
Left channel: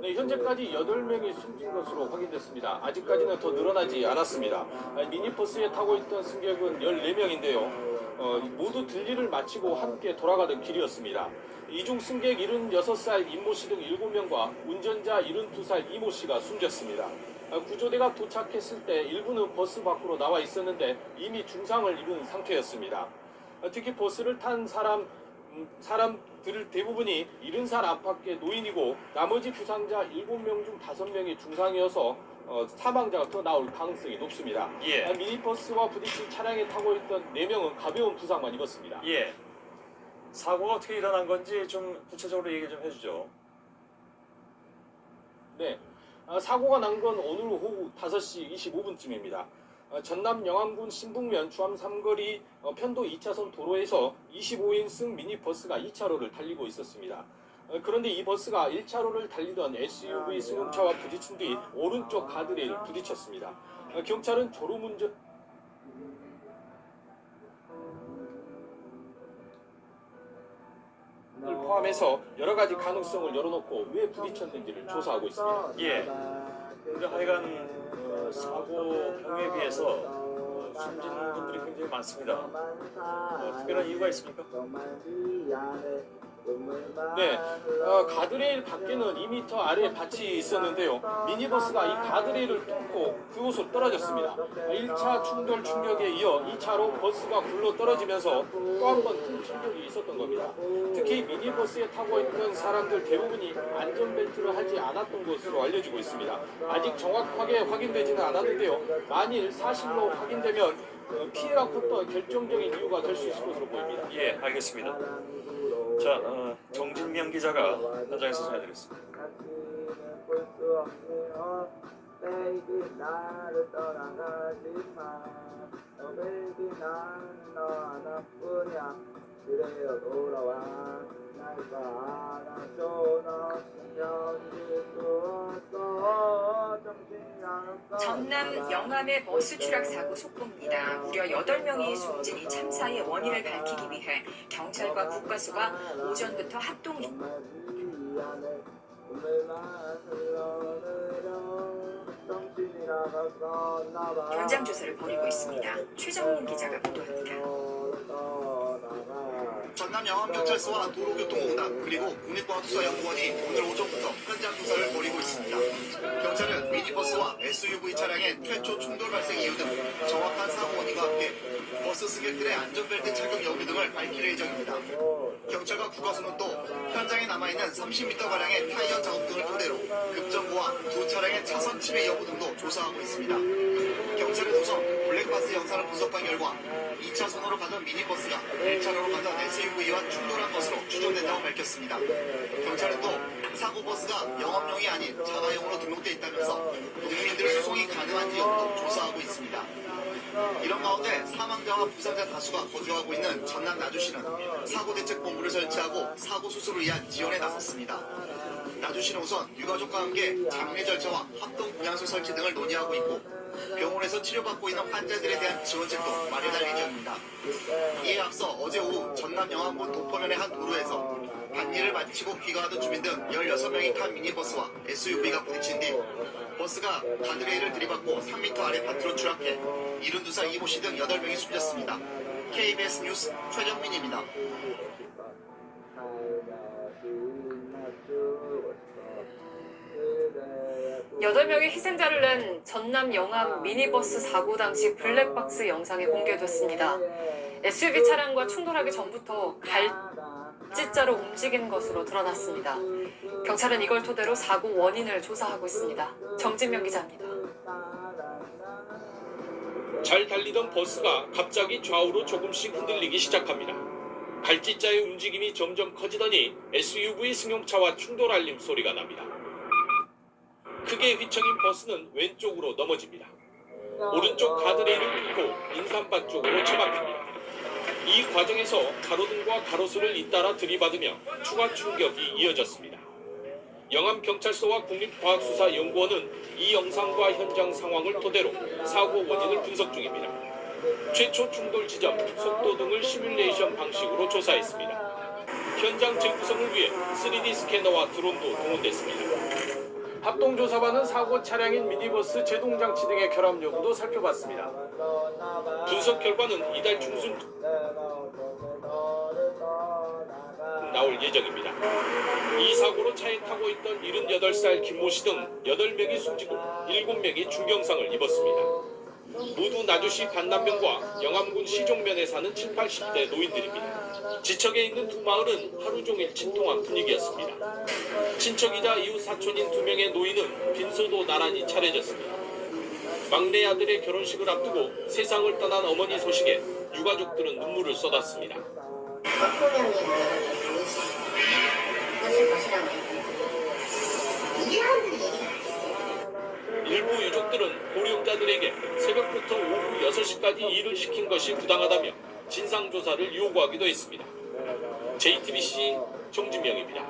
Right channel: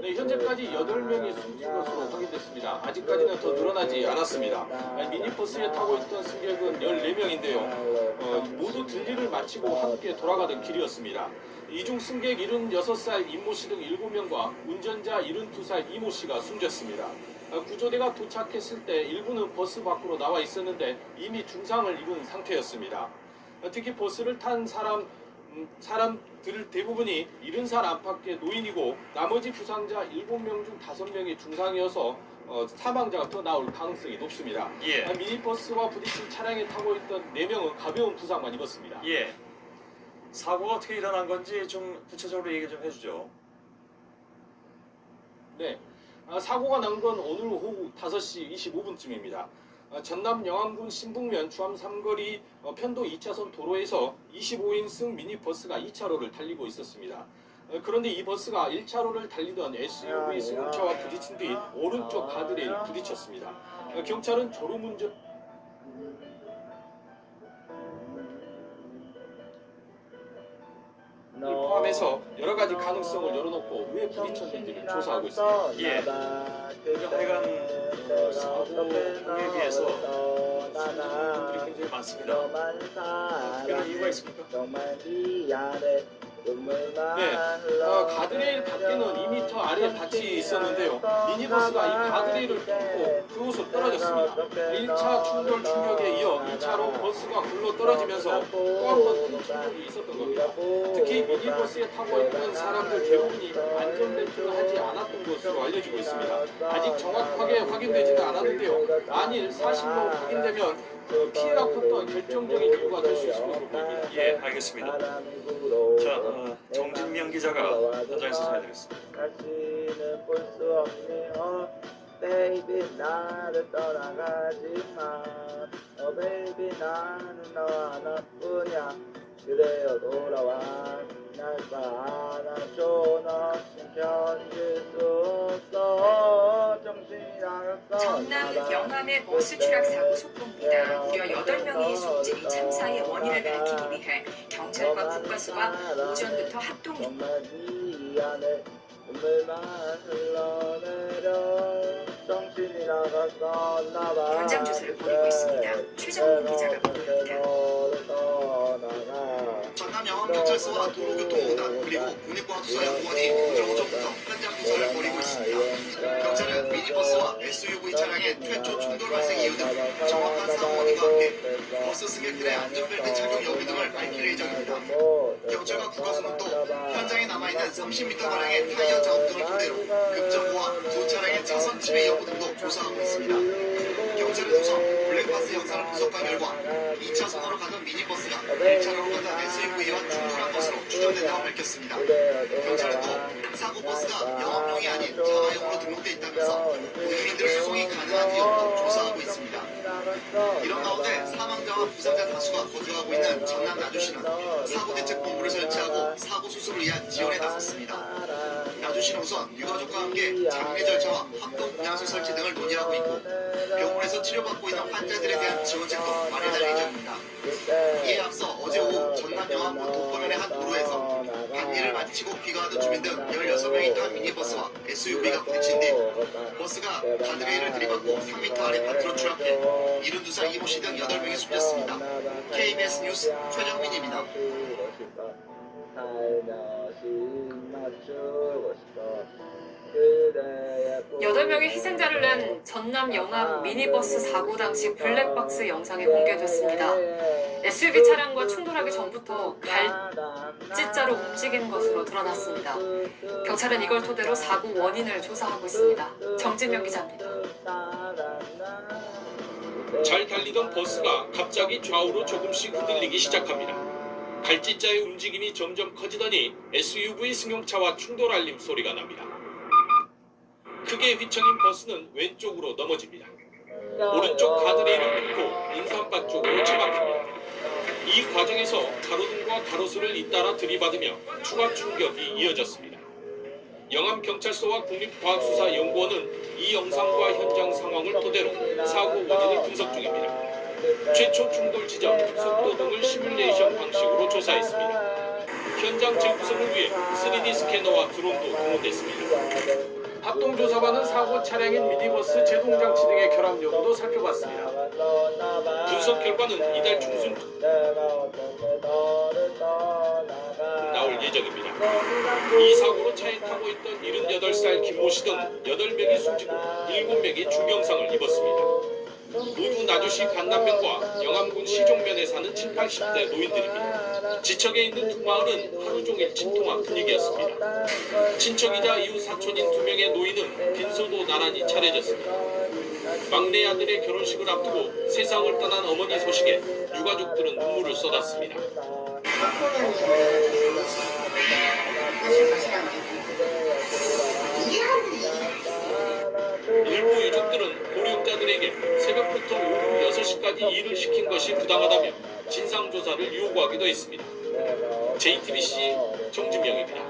네, 현재까지 8명이 숨진 것으로 확인됐습니다. 아직까지는 더 늘어나지 않았습니다. 미니버스에 타고 있던 승객은 14명인데요. 모두 들리를 마치고 함께 돌아가던 길이었습니다. 이중 승객 76살 임모 씨 등 7명과 운전자 72살 이모 씨가 숨졌습니다. 구조대가 도착했을 때 일부는 버스 밖으로 나와 있었는데 이미 중상을 입은 상태였습니다. 특히 버스를 탄 사람들 대부분이 70살 안팎의 노인이고 나머지 부상자 7명 중 5명이 중상이어서 사망자가 더 나올 가능성이 높습니다. 예. 미니버스와 부딪힌 차량에 타고 있던 4명은 가벼운 부상만 입었습니다. 예. 사고가 어떻게 일어난 건지 좀 구체적으로 얘기 좀 해주죠. 네. 사고가 난 건 오늘 오후 5시 25분쯤입니다. 전남 영암군 신북면 주암 삼거리 편도 2차선 도로에서 25인승 미니버스가 2차로를 달리고 있었습니다. 그런데 이 버스가 1차로를 달리던 SUV 승용차와 부딪힌 뒤 오른쪽 가드레일에 부딪혔습니다. 경찰은 졸음운전 포함해서 여러 가지 가능성을 열어놓고 왜 부딪혔는지를 조사하고 있습니다. 예. 하여간 사고에 비해서 숨진 분들이 굉장히 많습니다. 특별한 이유가 있습니까? 네, 가드레일 밖에는 2m 아래 밭이 있었는데요. 미니버스가 이 가드레일을 뚫고 그곳으로 떨어졌습니다. 1차 충격에 이어 2차로 버스가 굴러 떨어지면서 또 한 번 큰 충격이 있었던 겁니다. 특히 미니버스에 타고 있던 사람들 대부분이 안전벨트를 하지 않았던 것으로 알려지고 있습니다. 아직 정확하게 확인되지는 않았는데요. 만일 사실로 확인되면 피해가 컸던 결정적인 이유가 될 수 있을 것으로 보입니다. 예, 알겠습니다. 자, 정진명 기자가 현장에서 전해드렸습니다. 다시는 볼 수 없니 baby 나를 떠나가지 마 baby 나는 너와 나뿐이야 그래요 돌아와 날 사랑줘 너 견딜 수 없어 정신이 나갔어 전남 영암의 버스 추락 사고 속보입니다. 무려 8명이 숨진 이 참사의 원인을 밝히기 위해 경찰과 국가수가 오전부터 합동 미안해 눈물만 흘러내려 정신이 나갔었나봐 현장 조사를 벌이고 있습니다. 최정훈 기자가 보도합니다. 전남 영암경찰서와 도로교통공단 그리고 국립과학수사연구원이 오늘 오전부터 현장 조사를 벌이고 있습니다. 경찰은 미니버스와 SUV 차량의 최초 충돌 발생 이유 등 정확한 사고 원인과 함께 버스 승객들의 안전벨트 착용 여부 등을 밝힐 예정입니다. 경찰과 국가수는 또 현장에 남아있는 30m가량의 타이어 작업 등을 토대로 급정거와 두 차량의 차선 침해 여부 등도 조사하고 있습니다. 경찰은 우선 블랙박스 영상을 분석한 결과 2차선으로 가던 미니버스가 1차로로 가던 SUV와 충돌한 것으로 추정된다고 밝혔습니다. 경찰은 또 사고 버스가 영업용이 아닌 자가용으로 등록돼 있다면서 국민들의 수송이 가능한지 여부도 조사하고 있습니다. 이런 가운데 사망자와 부상자 다수가 거주하고 있는 전남 나주시는 사고대책본부를 설치하고 사고 수습을 위한 지원에 나섰습니다. 나주시는 우선 유가족과 함께 장례 절차와 합동분향소 설치 등을 논의하고 있고 병원에서 치료받고 있는 환자들에 대한 지원책도 마련할 예정입니다. 이에 앞서 어제 오후 전남 영암군 독거면의 한 도로에서 반일을 마치고 귀가하던 주민 등 16명이 탄 미니버스와 SUV가 부딪힌 뒤 버스가 가드레일을 들이받고 3m 아래 밭으로 추락해 72살 이모 씨 등 8명이 숨졌습니다. KBS 뉴스 최정민입니다. 여덟 명의 희생자를 낸 전남 영암 미니버스 사고 당시 블랙박스 영상이 공개됐습니다. SUV 차량과 충돌하기 전부터 갈짓자로 움직이는 것으로 드러났습니다. 경찰은 이걸 토대로 사고 원인을 조사하고 있습니다. 정진명 기자입니다. 잘 달리던 버스가 갑자기 좌우로 조금씩 흔들리기 시작합니다. 갈짓자의 움직임이 점점 커지더니 SUV 승용차와 충돌 알림 소리가 납니다. 크게 휘청인 버스는 왼쪽으로 넘어집니다. 오른쪽 가드레일을 뚫고 인삼밭 쪽으로 처박힙니다. 이 과정에서 가로등과 가로수를 잇따라 들이받으며 추가 충격이 이어졌습니다. 영암경찰서와 국립과학수사연구원은 이 영상과 현장 상황을 토대로 사고 원인을 분석 중입니다. 최초 충돌 지점, 속도 등을 시뮬레이션 방식으로 조사했습니다. 현장 재구성을 위해 3D 스캐너와 드론도 동원됐습니다. 합동조사반은 사고 차량인 미니버스 제동장치 등의 결함 여부도 살펴봤습니다. 분석 결과는 이달 중순 나올 예정입니다. 이 사고로 차에 타고 있던 78살 김모 씨 등 8명이 숨지고 7명이 중경상을 입었습니다. 모두 나주시 간남면과 영암군 시종면에 사는 7, 80대 노인들입니다. 지척에 있는 두 마을은 하루 종일 침통한 분위기였습니다. 친척이자 이웃 사촌인 2명의 노인은 빈소도 나란히 차려졌습니다. 막내 아들의 결혼식을 앞두고 세상을 떠난 어머니 소식에 유가족들은 눈물을 쏟았습니다. 일부 유족들은 고령자들에게 새벽부터 오후 6시까지 일을 시킨 것이 부당하다며 진상조사를 요구하기도 했습니다. JTBC 정진명입니다.